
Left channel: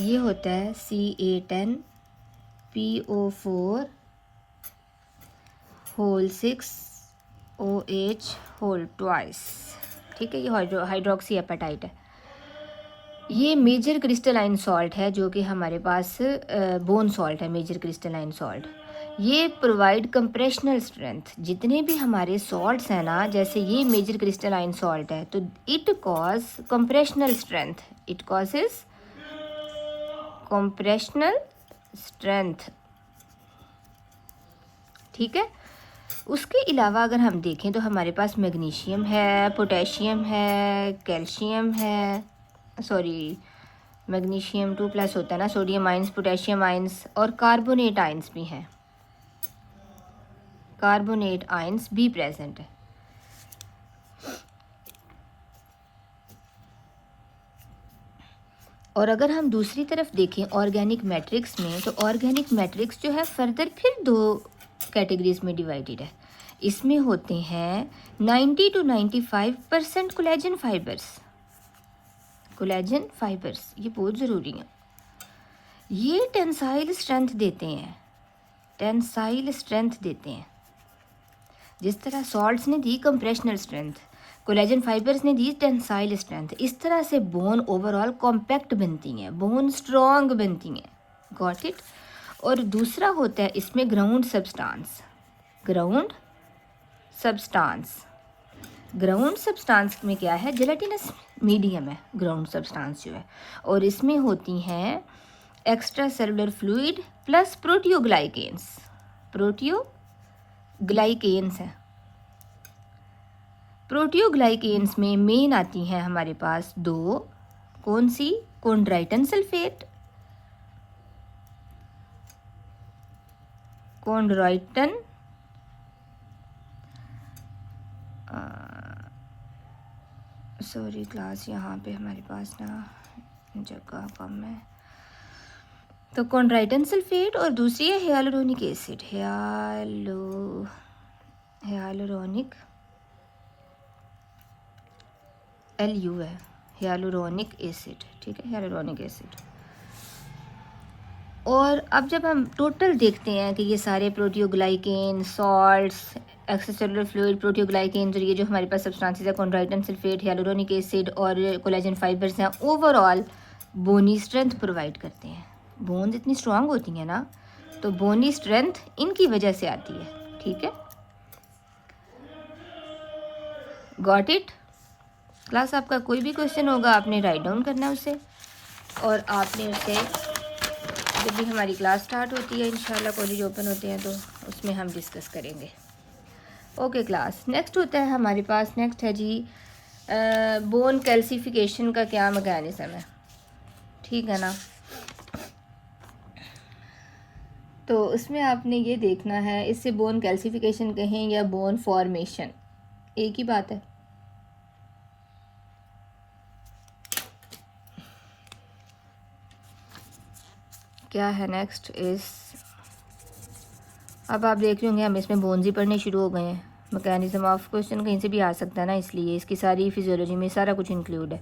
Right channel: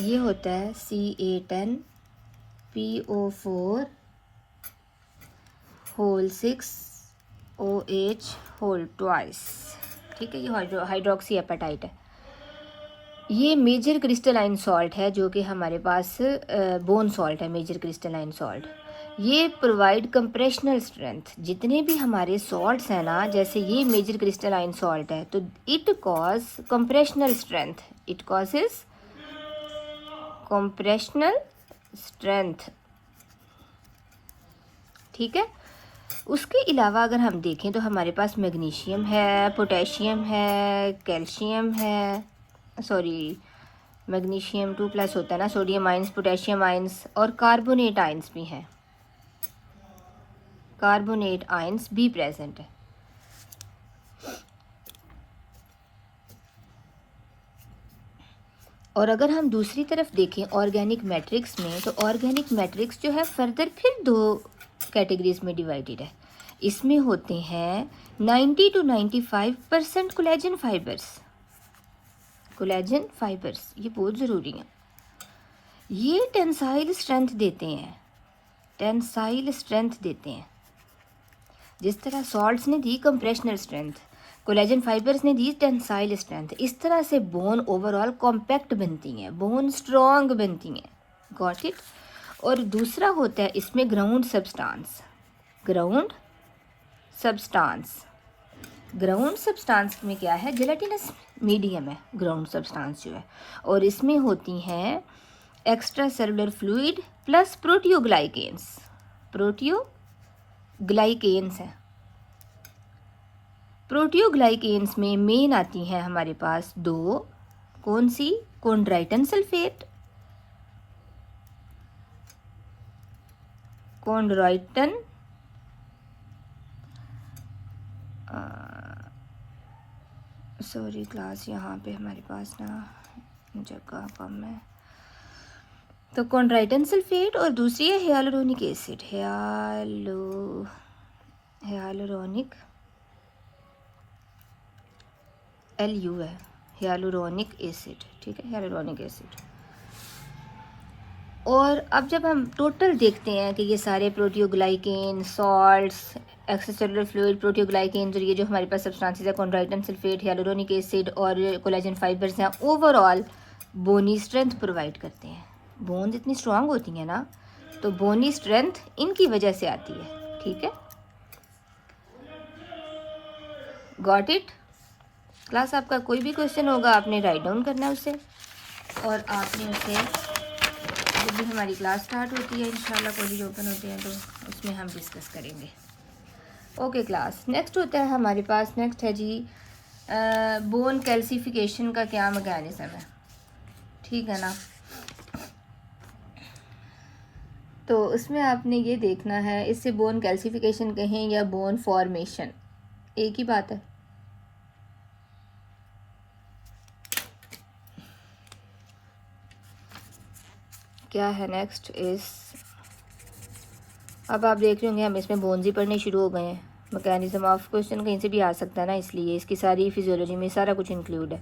ये होता है Ca10PO4 whole 6 OH whole twice. ठीक है, ये हाइड्रोक्सी एपेटाइट है। ये मेजर क्रिस्टलाइन सॉल्ट है जो कि हमारे पास बोन सॉल्ट है, मेजर क्रिस्टलाइन सॉल्ट। ये प्रोवाइड कंप्रेशनल स्ट्रेंथ, जितने भी हमारे सॉल्ट्स हैं ना, जैसे ये मेजर क्रिस्टलाइन सॉल्ट है तो it cause compressional strength, it causes compressional strength. ठीक है, उसके अलावा अगर हम देखें तो हमारे पास मैग्नीशियम है, पोटेशियम है, कैल्शियम है, सॉरी मैग्नीशियम 2+ होता है ना, सोडियम आइंस, पोटेशियम आइंस, और कार्बोनेट आइंस भी हैं, कार्बोनेट आइंस भी प्रेजेंट है। और अगर हम दूसरी तरफ देखें ऑर्गेनिक मैट्रिक्स में, तो ऑर्गेनिक मैट्रिक्स जो है फर्दर फिर दो कैटेगरीज में डिवाइडेड है। इसमें होते हैं 90 to 95% कोलेजन फाइबर्स, ये बहुत ज़रूरी है। ये टेंसाइल स्ट्रेंथ देते हैं, जिस तरह सॉल्ट्स ने दी कंप्रेशनल स्ट्रेंथ, कोलेजन फाइबर्स ने दी टेंसाइल स्ट्रेंथ, इस तरह से बोन ओवरऑल कॉम्पैक्ट बनती हैं, बोन स्ट्रॉन्ग बनती हैं। Got it? और दूसरा होता है इसमें ग्राउंड सब्सटेंस, ग्राउंड सब्सटेंस में क्या है, जेलेटिनस मीडियम है ग्राउंड सब्सटेंस जो है, और इसमें होती हैं एक्स्ट्रा सेलुलर फ्लूइड प्लस प्रोटियोग्लाइकेन्स। प्रोटियोग्लाइकेन्स है। प्रोटियोग्लाइकेन्स में मेन आती हैं हमारे पास दो, कौन सी, कॉन्ड्राइटन सल्फेट, कॉन्ड्राइटन सॉरी क्लास यहाँ पे हमारे पास ना जगह कम है, तो कॉन्ड्राइटन सल्फेट और दूसरी है हियालुरोनिक एसिड, हियालुरोनिक LU है, हियालुरोनिक एसिड, ठीक है, हियालुरोनिक एसिड। और अब जब हम टोटल देखते हैं कि ये सारे proteoglycan, salts, extracellular fluid, proteoglycan, और ये जो हमारे पास सब्सटेंसेस है कॉन्ड्राइटन सल्फेट, हियालुरोनिक एसिड और कोलेजन फाइबर्स हैं, ओवरऑल बोनी स्ट्रेंथ प्रोवाइड करते हैं। बोन्स इतनी स्ट्रांग होती हैं ना, तो बोनी स्ट्रेंथ इनकी वजह से आती है, ठीक है। Got it? क्लास आपका कोई भी क्वेश्चन होगा आपने राइट डाउन करना उसे, और आपने उसे जब भी हमारी क्लास स्टार्ट होती है, इंशाल्लाह कॉलेज ओपन होते हैं, तो उसमें हम डिस्कस करेंगे। ओके क्लास, नेक्स्ट होता है हमारे पास, नेक्स्ट है जी बोन कैल्सिफिकेशन का क्या मैकेनिज्म है, ठीक है ना। तो उसमें आपने ये देखना है, इससे बोन कैल्सिफिकेशन कहें या बोन फॉर्मेशन एक ही बात है। क्या है नेक्स्ट इस, अब आप देख रहे होंगे हम इसमें बोन्स ही पढ़ने शुरू हो गए हैं। मैकेनिज्म ऑफ, क्वेश्चन कहीं से भी आ सकता है ना, इसलिए इसकी सारी फिजियोलॉजी में सारा कुछ इंक्लूड है।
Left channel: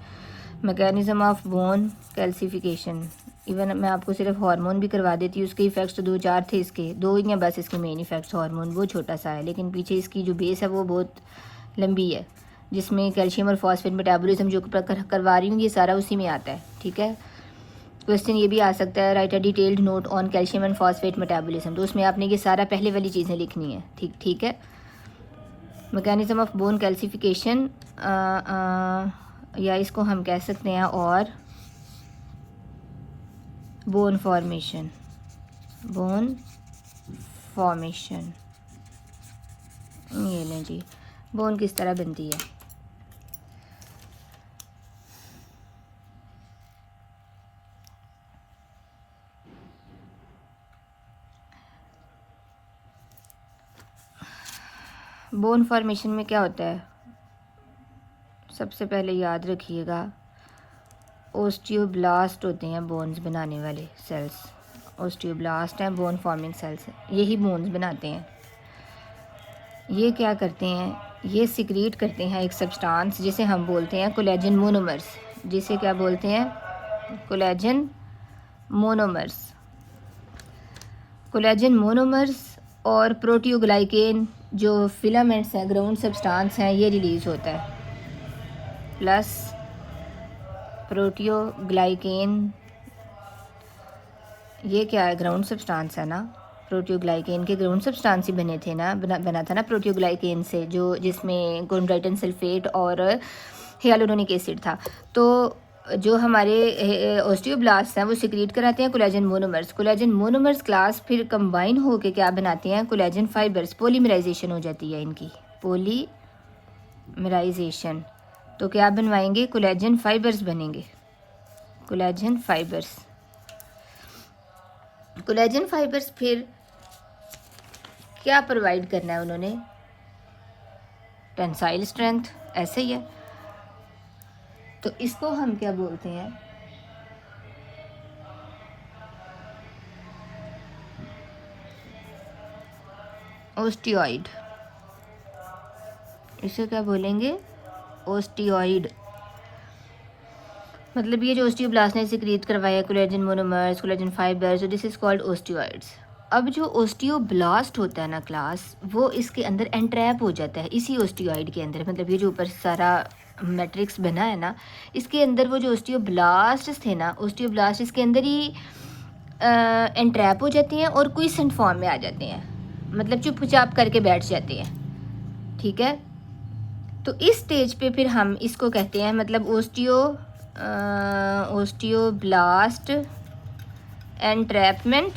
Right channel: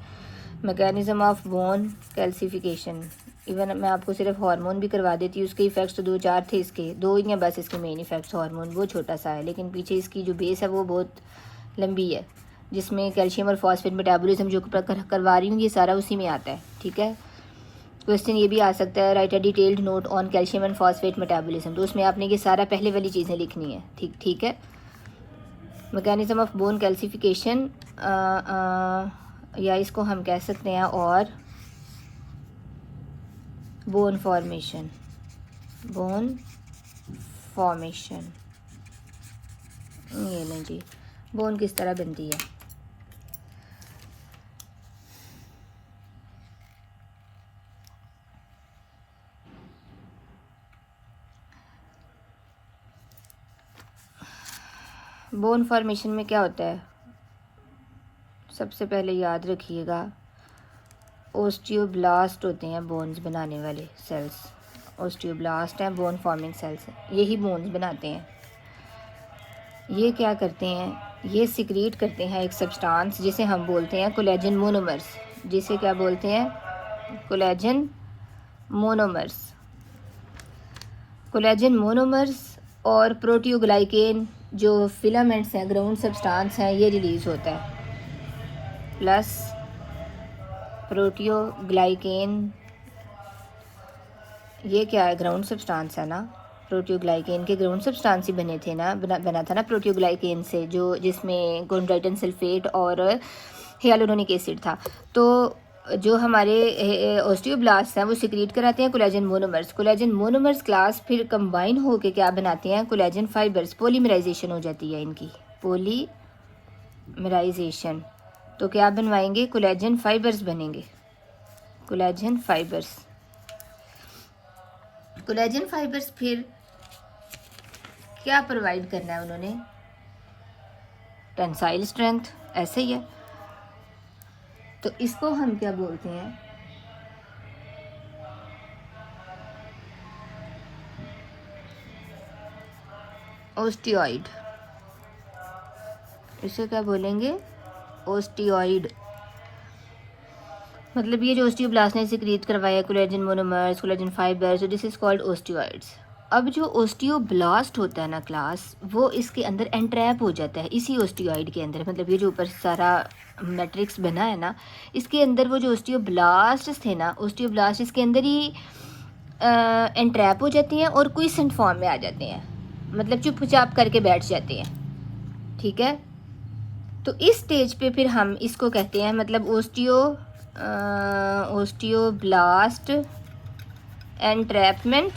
Mechanism of bone calcification, even मैं आपको सिर्फ हार्मोन भी करवा देती हूँ, उसके इफेक्ट्स तो 2-4 थे, इसके 2 ही हैं बस इसके मेन इफेक्ट्स। हार्मोन वो छोटा सा है, लेकिन पीछे इसकी जो बेस है वो बहुत लंबी है, जिसमें कैल्शियम और फॉस्फेट मेटाबॉलिज्म जो करवा रही हूँ ये सारा उसी में आता है, ठीक है। क्वेश्चन ये भी आ सकता है, right a detailed note on calcium and phosphate metabolism, तो उसमें आपने ये सारा पहले वाली चीज़ें लिखनी है, ठीक है। मैकेनिज्म ऑफ बोन कैल्सिफिकेशन, या इसको हम कह सकते हैं और बोन फॉर्मेशन, ये नहीं, बोन किस तरह बनती है। बोन फॉर्मेशन में क्या होता है, सबसे पहले याद रखिएगा, ओस्टियोब्लास्ट होते हैं बोन्स बनाने वाले सेल्स, ओस्टियोब्लास्ट हैं बोन फॉर्मिंग सेल्स, यही बोन्स बनाते हैं। ये क्या करते हैं, ये सिक्रीट करते हैं एक सब्सटेंस जिसे हम बोलते हैं कोलेजन मोनोमर्स, जिसे क्या बोलते हैं, कोलेजन मोनोमर्स। कोलेजन मोनोमर्स और प्रोटियोग्लाइकेन जो फिलामेंट्स हैं, ग्राउंड सब्सटेंस हैं, ये रिलीज होता है, प्लस प्रोटियोग्लाइकेन, ये क्या है, ग्राउंड सब्सटेंस है ना, प्रोटियोग्लाइकेन के ग्राउंड सब्सटेंस ही बने थे ना, बना था ना प्रोटियोग्लाइकेन से, जो जिसमें कॉन्ड्राइटन सल्फेट और हियालुरोनिक एसिड था। तो जो हमारे ओस्टियोब्लास्ट हैं वो सिक्रीट कराते हैं collagen monomers. Collagen monomers class फिर कंबाइन होके क्या बनाती हैं, कोलेजन फाइबर्स, पॉलीमराइजेशन हो जाती है इनकी, पॉलीमराइजेशन, तो क्या बनवाएंगे, कोलेजन फाइबर्स बनेंगे, कोलेजन फाइबर्स। कोलेजन फाइबर्स फिर क्या प्रोवाइड करना है उन्होंने, टेंसाइल स्ट्रेंथ, ऐसे ही है। तो इसको हम क्या बोलते हैं, ओस्टियोइड, इसे क्या बोलेंगे, ओस्टियोइड। मतलब ये जो ओस्टियोब्लास्ट ने सिक्रीट करवाया collagen monomers, collagen fibres, this is called osteoids. अब जो ओस्टियोब्लास्ट होता है ना क्लास, वो इसके अंदर एंट्रैप हो जाता है, इसी ओस्टियोइड के अंदर, मतलब ये जो ऊपर सारा मैट्रिक्स बना है ना, इसके अंदर वो जो ओस्टियोब्लास्ट थे ना, ओस्टियोब्लास्ट इसके अंदर ही एंट्रैप हो जाते हैं और कोई सेंट फॉर्म में आ जाते हैं, मतलब चुपचाप करके बैठ जाते हैं, ठीक है। तो इस स्टेज पे फिर हम इसको कहते हैं, मतलब osteoblast entrapment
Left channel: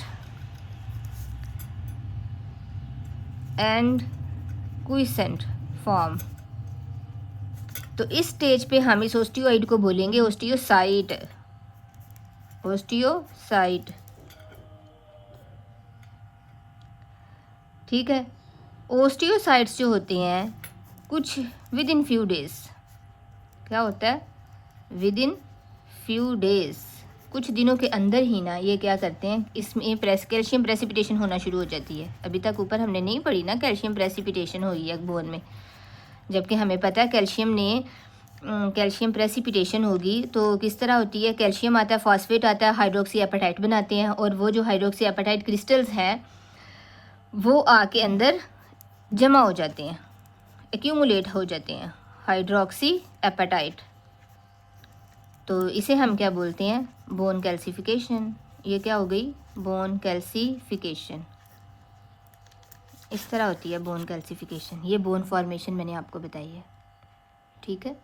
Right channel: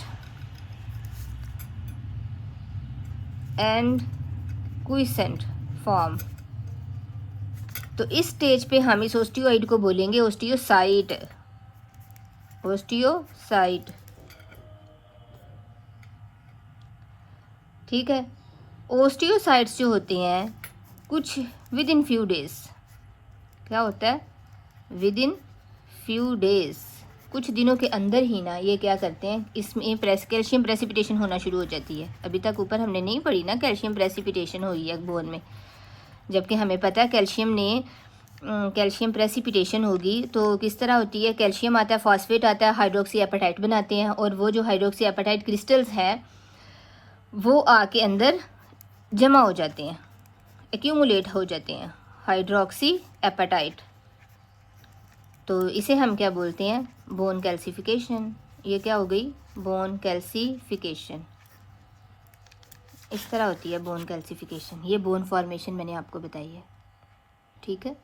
and quiescent form. तो इस स्टेज पे हम इस ओस्टियोइड को बोलेंगे ओस्टियोसाइट। ओस्टियोसाइट, ठीक है। ओस्टियोसाइट्स जो होते हैं कुछ विद इन फ्यू डेज, क्या होता है, विद इन फ्यू डेज, कुछ दिनों के अंदर ही ना ये क्या करते हैं, इसमें कैल्शियम प्रेसिपिटेशन होना शुरू हो जाती है। अभी तक ऊपर हमने नहीं पढ़ी ना कैल्शियम प्रेसिपिटेशन हो रही है बोन में, जबकि हमें पता है कैल्शियम प्रेसिपिटेशन होगी तो किस तरह होती है। कैल्शियम आता है, फॉस्फेट आता है, हाइड्रोक्सी एपेटाइट बनाते हैं, और वो जो हाइड्रोक्सी एपेटाइट क्रिस्टल्स हैं वो आके अंदर जमा हो जाते हैं, एक्यूमुलेट हो जाते हैं, हाइड्रोक्सी एपेटाइट। तो इसे हम क्या बोलते हैं, बोन कैल्सिफिकेशन। ये क्या हो गई, बोन कैल्सिफिकेशन। इस तरह होती है बोन कैल्सिफिकेशन। ये बोन फॉर्मेशन मैंने आपको बताई है, ठीक है।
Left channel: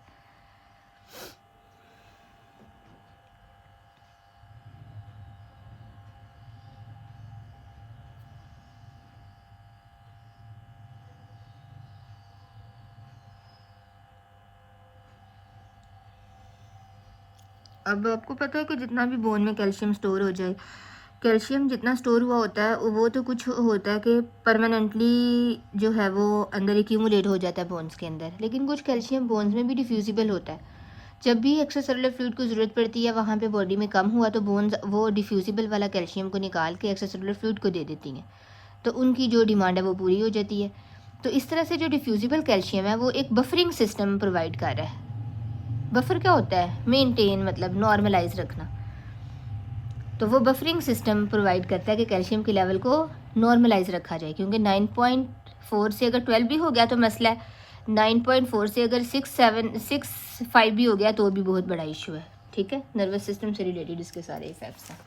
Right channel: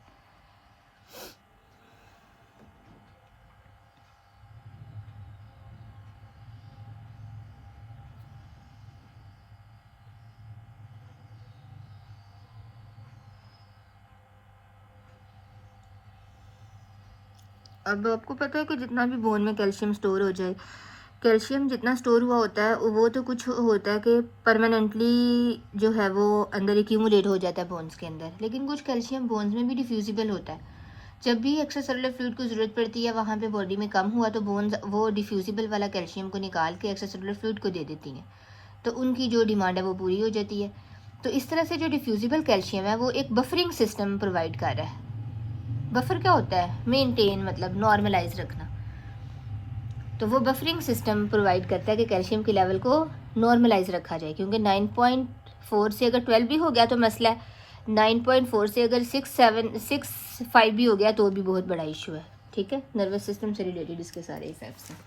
अब आपको पता है कि जितना भी बोन में कैल्शियम स्टोर हो जाए, कैल्शियम जितना स्टोर हुआ होता है वो तो कुछ होता है कि परमानेंटली जो है वो अंदर एक्यूमुलेट हो जाता है बोन्स के अंदर, लेकिन कुछ कैल्शियम बोन्स में भी डिफ्यूजिबल होता है। जब भी एक्स्ट्रा सेलुलर फ्लूइड को ज़रूरत पड़ती है वहाँ पे बॉडी में कम हुआ तो बोन्स वो डिफ्यूजिबल वाला कैल्शियम को निकाल के एक्स्ट्रा सेलुलर फ्लूइड को दे देती हैं, तो उनकी जो डिमांड है वो पूरी हो जाती है। तो इस तरह से जो डिफ्यूजिबल कैल्शियम है वो एक बफरिंग सिस्टम प्रोवाइड कर रहा है। बफर क्या होता है, मेंटेन, मतलब नॉर्मलाइज रखना। तो वो बफरिंग सिस्टम प्रोवाइड करता है कि कैल्शियम के लेवल को नॉर्मलाइज रखा जाए, क्योंकि 9.4 से अगर 12 भी हो गया तो मसला है, 9.4 से अगर 6.5 भी हो गया तो भी बहुत बड़ा इशू है, ठीक है। नर्वस सिस्टम से रिलेटेड इसके सारे इफेक्ट्स हैं।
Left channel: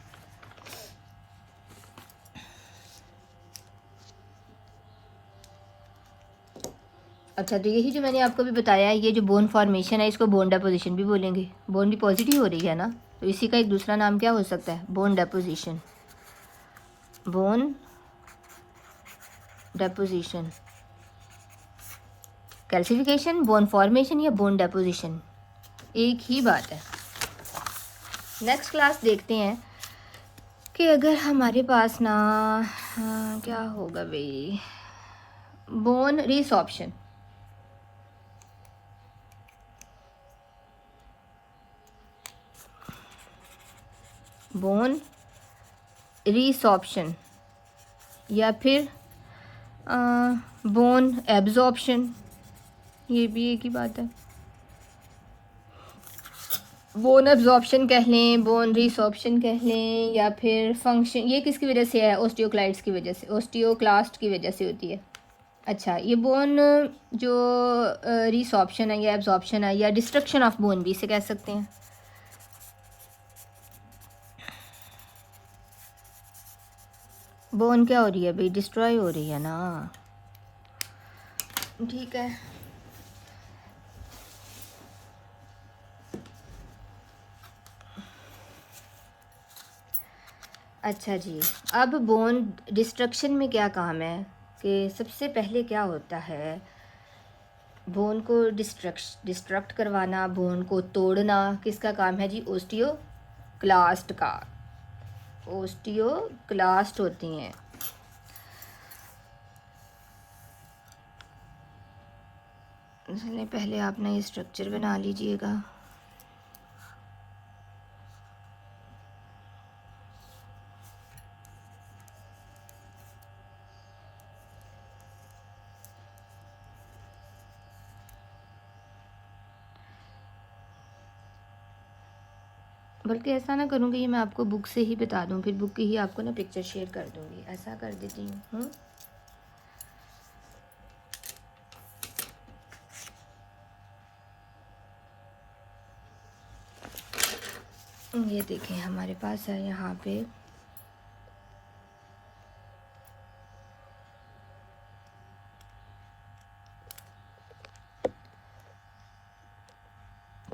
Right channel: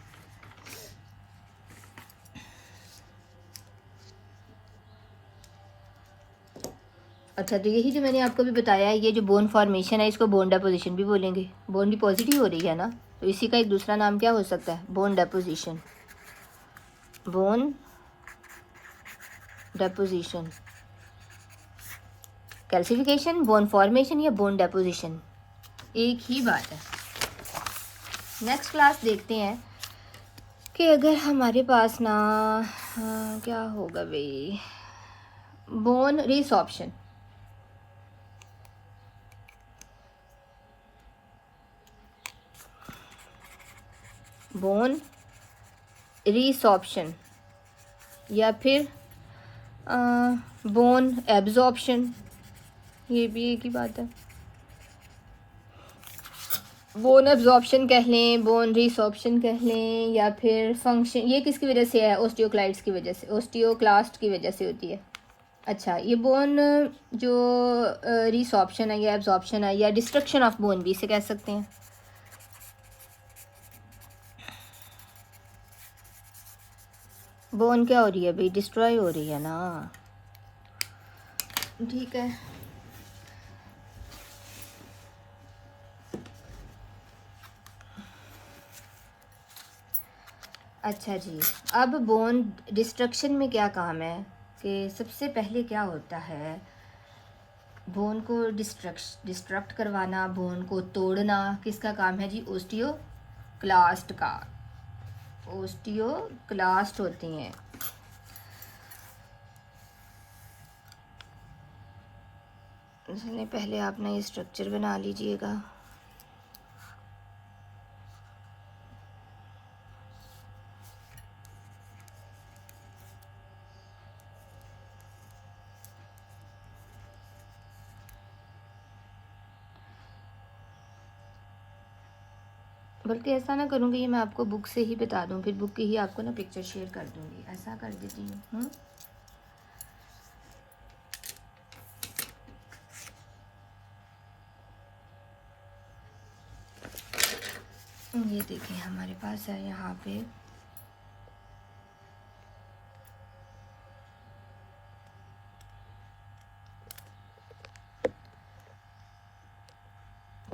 अच्छा, तो यही जो मैंने आपको भी बताया है, ये जो बोन फॉर्मेशन है इसको बोन डेपोजिशन भी बोलेंगे। बोन डिपॉजिट ही हो रही है ना, तो इसी का एक दूसरा नाम क्या हो सकता है, bone deposition. Bone deposition, calcification, bone formation या बोन डेपोजिशन, एक ही बात है। नेक्स्ट क्लास देखते हैं कि अगर हमारे पास ना क्या होगा भाई, बोन रिसॉर्प्शन। बोन रिसॉर्प्शन या फिर बोन एब्जॉर्प्शन, ये भी एक ही बात है। बोन एब्जॉर्प्शन कह लें, बोन रिसॉर्प्शन कह लें, या फिर फंक्शन, ये किसकी वजह से है, ओस्टियोक्लाइड्स की वजह से, ओस्टियोक्लास्ट की वजह से होती है। अच्छा, ये बोन जो रिसॉर्प्शन है या एब्जॉर्प्शन है या डिस्ट्रक्शन ऑफ बोन भी इसे कह सकते हैं। बोन क्या हो रही है भाई, डिस्ट्रॉय हो रही है ना, ठीक है। अच्छा जी, अब बोन डिस्ट्रक्शन में क्या काम है कि सबसे पहले क्या होता है, बोन को डिस्ट्रक्ट करवाना, बोन को तोड़ना किसका काम है जी, ओस्टियोक्लास्ट का। ओस्टियोक्लास्ट होती हैं। इसलिए पहले आप ना ये स्ट्रक्चर बना लीजिएगा। बल्कि ऐसा ना करूँगी, ये मैं आपको बुक से ही बता दूँ, फिर बुक की ही आपको ना पिक्चर शेयर कर दूँगी, ऐसा कर देती हूँ। ये देखें हमारे पास है यहाँ पे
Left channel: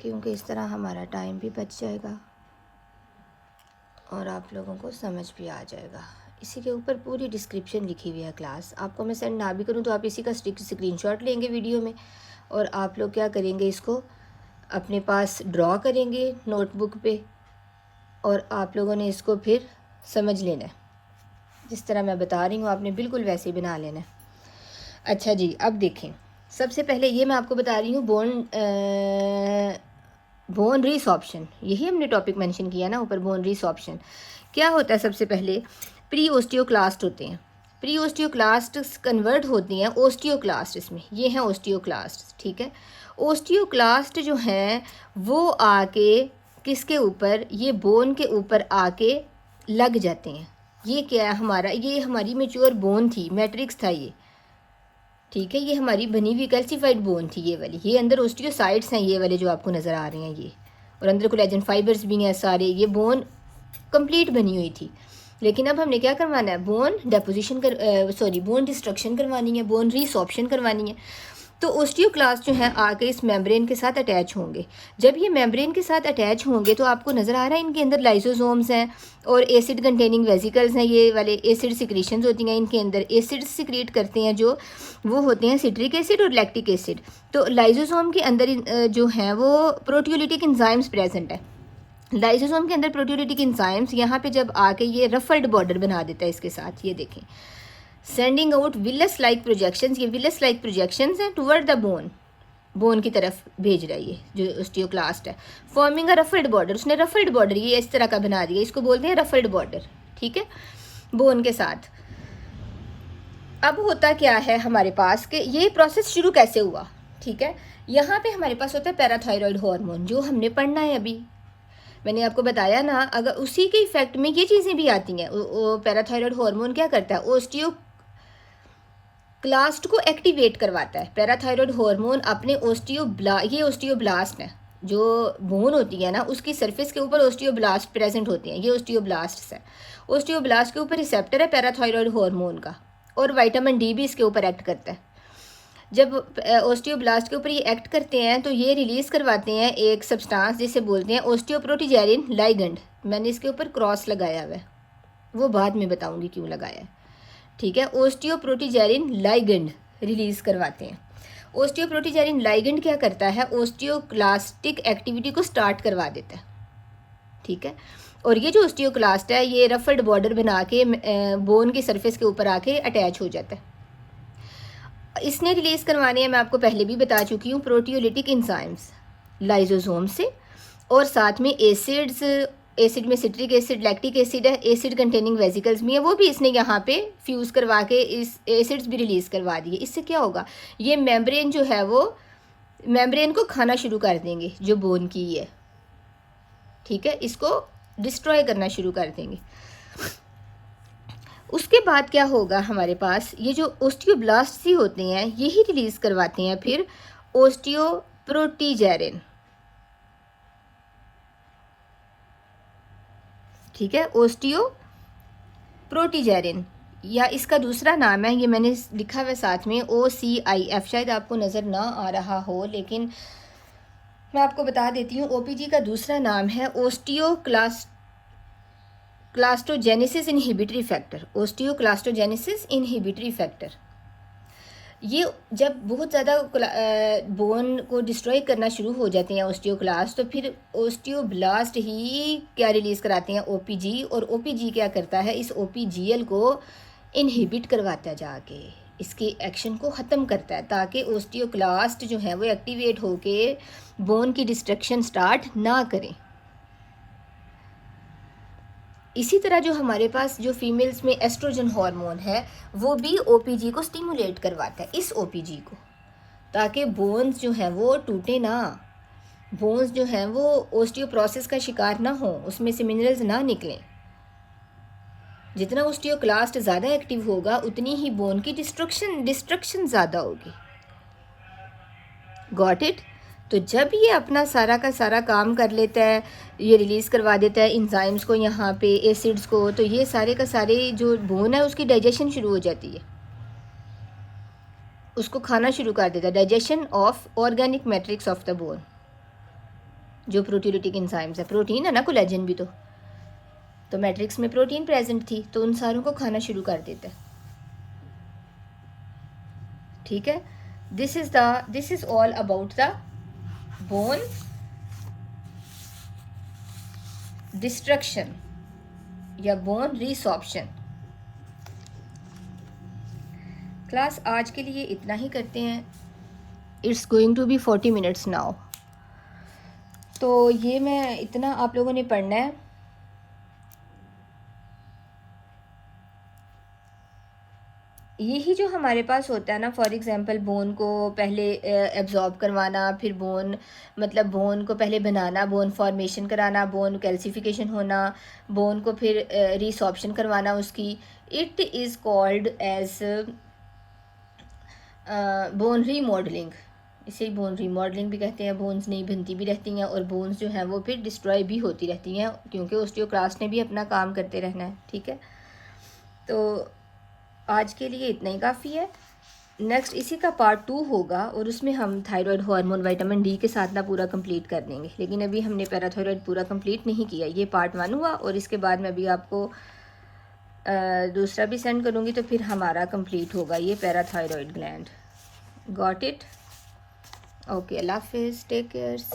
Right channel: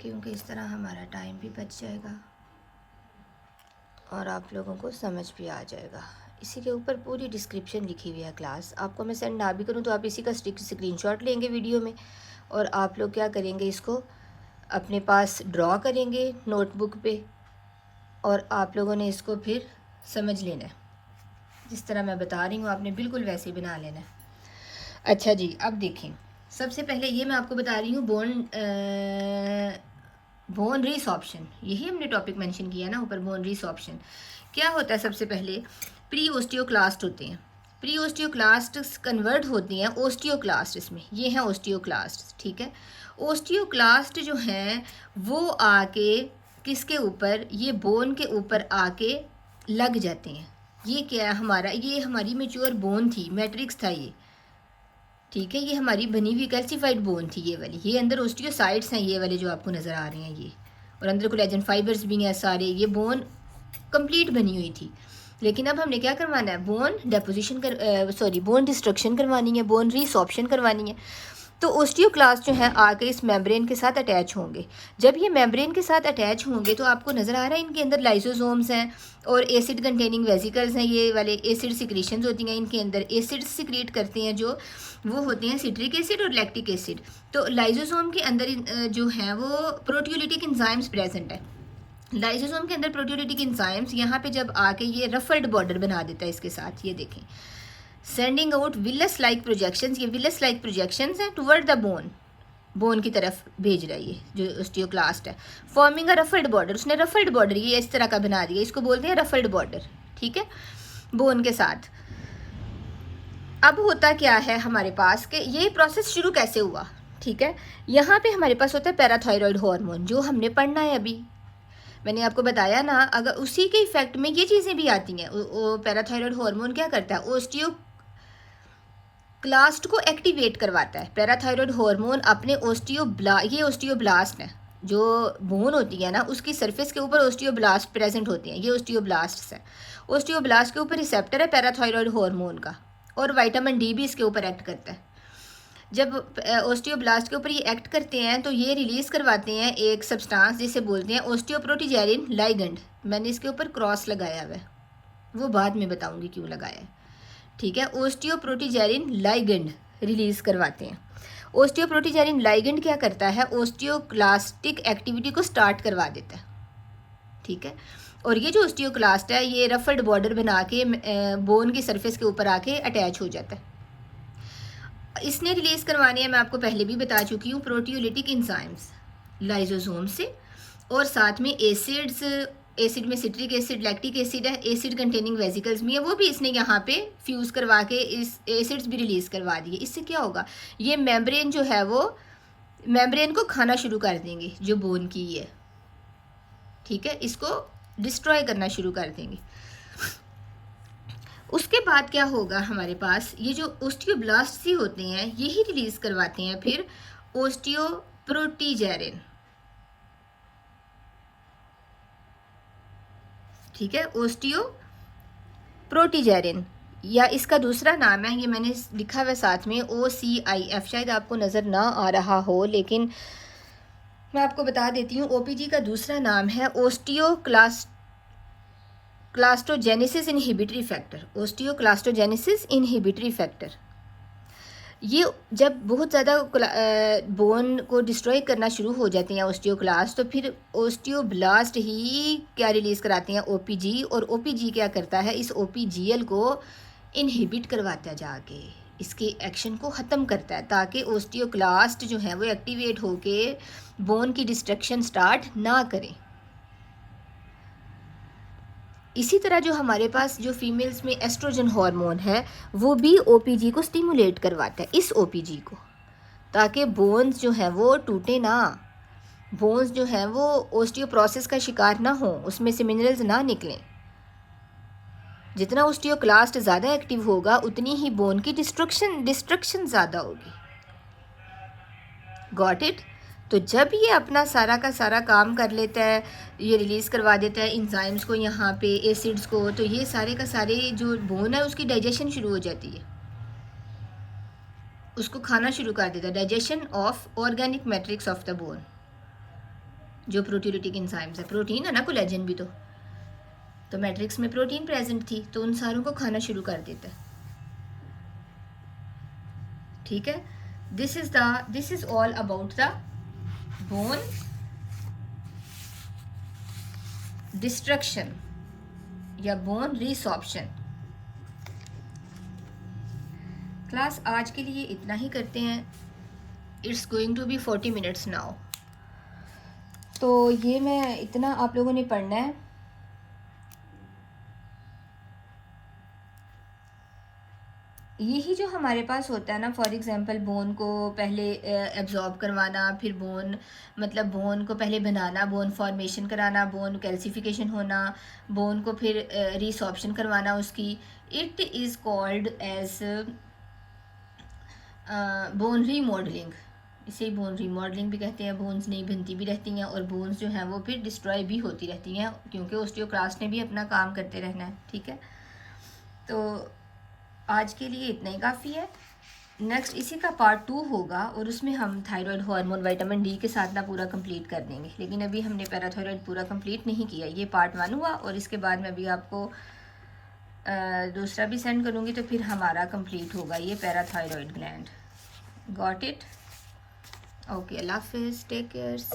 क्योंकि इस तरह हमारा टाइम भी बच जाएगा और आप लोगों को समझ भी आ जाएगा। इसी के ऊपर पूरी डिस्क्रिप्शन लिखी हुई है क्लास। आपको मैं सेंड ना भी करूँ तो आप इसी का स्क्रीनशॉट लेंगे वीडियो में और आप लोग क्या करेंगे, इसको अपने पास ड्रॉ करेंगे नोटबुक पे और आप लोगों ने इसको फिर समझ लेना है। जिस तरह मैं बता रही हूँ आपने बिल्कुल वैसे ही बना लेना है। अच्छा जी, अब देखें, सबसे पहले ये मैं आपको बता रही हूँ बोन रिसॉर्प्शन, यही हमने टॉपिक मेंशन किया ना ऊपर, बोन रिसॉर्प्शन क्या होता है। सबसे पहले प्री ओस्टियोक्लास्ट होते हैं, प्री ओस्टियोक्लास्ट कन्वर्ट होती हैं ओस्टियोक्लास्ट में, ये हैं ओस्टियोक्लास्ट, ठीक है। ओस्टियोक्लास्ट जो हैं वो आके किसके ऊपर, ये बोन के ऊपर आके लग जाते हैं। ये क्या है हमारा, ये हमारी मैच्योर बोन थी, मैट्रिक्स था ये, ठीक है। ये हमारी बनी हुई कैल्सिफाइड बोन थी ये वाली, ये अंदर ओस्टियोसाइट्स हैं ये वाले जो आपको नज़र आ रहे हैं ये, और अंदर कोलेजन फाइबर्स भी हैं सारे, ये बोन कंप्लीट बनी हुई थी। लेकिन अब हमने क्या करवाना है, बोन डेपोजिशन बोन डिस्ट्रक्शन करवानी है, बोन रिसॉर्प्शन करवानी है। तो ओस्टियोक्लास्ट जो है आके इस मेम्ब्रेन के साथ अटैच होंगे। जब ये मेम्ब्रेन के साथ अटैच होंगे तो आपको नज़र आ रहा है इनके अंदर लाइसोसोम्स हैं और एसिड कंटेनिंग वेसिकल्स हैं, ये वाले एसिड सिक्रीशंस होती हैं इनके अंदर, एसिड सिक्रीट करते हैं जो वो होते हैं सिट्रिक एसिड और लैक्टिक एसिड। तो लाइसोसोम के अंदर जो हैं वो प्रोटियोलिटिक एंजाइम्स प्रेजेंट है। लाइसोसोम के अंदर प्रोटियोलिटिक एंजाइम्स यहाँ पे जब आके ये रफल्ड बॉर्डर बना देता है इसके साथ, ये देखें, sending out villous like projections, ये विलस लाइक प्रोजेक्शंस हैं टुवर्ड द बोन, बोन की तरफ भेज रहा है ये जो ओस्टियोक्लास्ट है, फॉर्मिंग अ रफल्ड बॉर्डर, उसने रफल्ड बॉर्डर ये इस तरह का बना दिया, इसको बोलते हैं रफल्ड बॉर्डर, ठीक है, बोन के साथ। अब होता क्या है हमारे पास कि ये प्रोसेस शुरू कैसे हुआ, ठीक है। यहाँ पे हमारे पास होता है पैराथायरॉयड हार्मोन, जो हमने पढ़ना है अभी, मैंने आपको बताया ना, अगर उसी के इफेक्ट में ये चीज़ें भी आती हैं। पैराथायरॉयड हार्मोन क्या करता है, ओस्टियोक्लास्ट को एक्टिवेट करवाता है। पैराथायरॉयड हार्मोन अपने ये ओस्टियोब्लास्ट है, जो बोन होती है ना उसकी सरफेस के ऊपर ओस्टियोब्लास्ट प्रेजेंट होते हैं, ये ओस्टियोब्लास्ट है। ओस्टियोब्लास्ट के ऊपर रिसेप्टर है पैराथायरॉयड हार्मोन का, और विटामिन डी भी इसके ऊपर एक्ट करता है। जब ओस्टियोब्लास्ट के ऊपर ये एक्ट करते हैं तो ये रिलीज़ करवाते हैं एक सब्सटेंस जिसे बोलते हैं ओस्टियोप्रोटीजेरिन लाइगेंड। मैंने इसके ऊपर क्रॉस लगाया हुआ है, वो बाद में बताऊंगी क्यों लगाया है, ठीक है। ओस्टियोप्रोटीजेरिन लाइगेंड रिलीज़ करवाते हैं। ओस्टियोप्रोटीजेरिन लाइगेंड क्या करता है, ओस्टियोक्लास्टिक एक्टिविटी को स्टार्ट करवा देता है, ठीक है। और ये जो ओस्टियोक्लास्ट है ये रफल्ड बॉर्डर बना के बोन की सरफेस के ऊपर आके अटैच हो जाता है। इसने रिलीज़ करवाने हैं, मैं आपको पहले भी बता चुकी हूँ, प्रोटियोलिटिक एंजाइम्स लाइसोसोम से, और साथ में एसिड्स, एसिड में सिट्रिक एसिड, लैक्टिक एसिड है, एसिड कंटेनिंग वेसिकल्स भी है, वो भी इसने यहाँ पे फ्यूज़ करवा के इस एसिड्स भी रिलीज़ करवा दिए। इससे क्या होगा, ये मेम्ब्रेन जो है वो मेम्ब्रेन को खाना शुरू कर देंगे जो बोन की है, ठीक है, इसको डिस्ट्रॉय करना शुरू कर देंगे। उसके बाद क्या होगा हमारे पास, ये जो ओस्टियोब्लास्ट ही होते हैं यही रिलीज़ करवाते हैं फिर ओस्टियोप्रोटीजेरिन, ठीक है, ओस्टियोप्रोटीजेरिन, या इसका दूसरा नाम है, ये मैंने लिखा हुआ साथ में OCIF, शायद आपको नज़र ना आ रहा हो लेकिन मैं आपको बता देती हूँ। OPG का दूसरा नाम है क्लास्टोजेनेसिस इनहिबिटरी फैक्टर, ओस्टियोक्लास्टोजेनेसिस इनहिबिटरी फैक्टर। ये जब बहुत ज़्यादा बोन को डिस्ट्रॉय करना शुरू हो जाते हैं ओस्टियोक्लास्ट, तो फिर ओस्टियोब्लास्ट ही क्या रिलीज़ कराते हैं, OPG, और OPG क्या करता है, इस OPGL को इनहिबिट करवाता है, जाके इसके एक्शन को ख़त्म करता है, ताकि ओस्टियोक्लास्ट जो है वो एक्टिवेट होके बोन की डिस्ट्रक्शन स्टार्ट ना करें। इसी तरह जो हमारे पास जो फीमेल्स में एस्ट्रोजन हार्मोन है वो भी OPG को स्टिमुलेट करवाता है, इस OPG को, ताकि बोन्स जो हैं वो टूटे ना, बोन्स जो हैं वो ओस्टियोप्रोसेस का शिकार ना हो, उसमें से मिनरल्स ना निकलें। जितना ओस्टियोक्लास्ट ज़्यादा एक्टिव होगा उतनी ही बोन की डिस्ट्रक्शन ज़्यादा होगी। Got it. तो जब ये अपना सारा का सारा काम कर लेता है, ये रिलीज़ करवा देता है इंजाइम्स को, यहाँ पे एसिड्स को, तो ये सारे का सारे जो बोन है उसकी डाइजेशन शुरू हो जाती है, उसको खाना शुरू कर देता है, digestion of organic matrix of the bone. जो प्रोटीयोलिटिक एंजाइम्स है, प्रोटीन है ना कोलेजन भी, तो मैट्रिक्स में प्रोटीन प्रेजेंट थी तो उन सारों को खाना शुरू कर देता है। ठीक है, this is all about the bone destruction या बोन रिसॉर्प्शन। क्लास आज के लिए इतना ही करते हैं। It's going to be 40 minutes now. तो ये मैं इतना आप लोगों ने पढ़ना है। यही जो हमारे पास होता है ना, फॉर एग्जांपल बोन को पहले एब्जॉर्ब करवाना, फिर बोन मतलब बोन को पहले बनाना, बोन फॉर्मेशन कराना, बोन कैल्सिफिकेशन होना, बोन को फिर रिसॉर्प्शन करवाना उसकी, it is called as bone remodelling. इसे बोन रीमॉडलिंग भी कहते हैं। बोन्स नहीं बनती भी रहती हैं और बोन्स जो हैं वो फिर डिस्ट्रॉय भी होती रहती हैं, क्योंकि ऑस्टियोक्लास्ट ने भी अपना काम करते रहना है। ठीक है, तो आज के लिए इतना ही काफ़ी है। नेक्स्ट इसी का पार्ट 2 होगा और उसमें हम थायराइड हार्मोन विटामिन डी के साथ ना पूरा कंप्लीट कर देंगे, लेकिन अभी हमने पैराथायराइड पूरा कंप्लीट नहीं किया। ये पार्ट 1 हुआ और इसके बाद मैं अभी आपको दूसरा भी सेंड करूँगी, तो फिर हमारा कंप्लीट होगा ये parathyroid gland. Got it? Okay, अल्लाह हाफिज़, टेक केयर्स।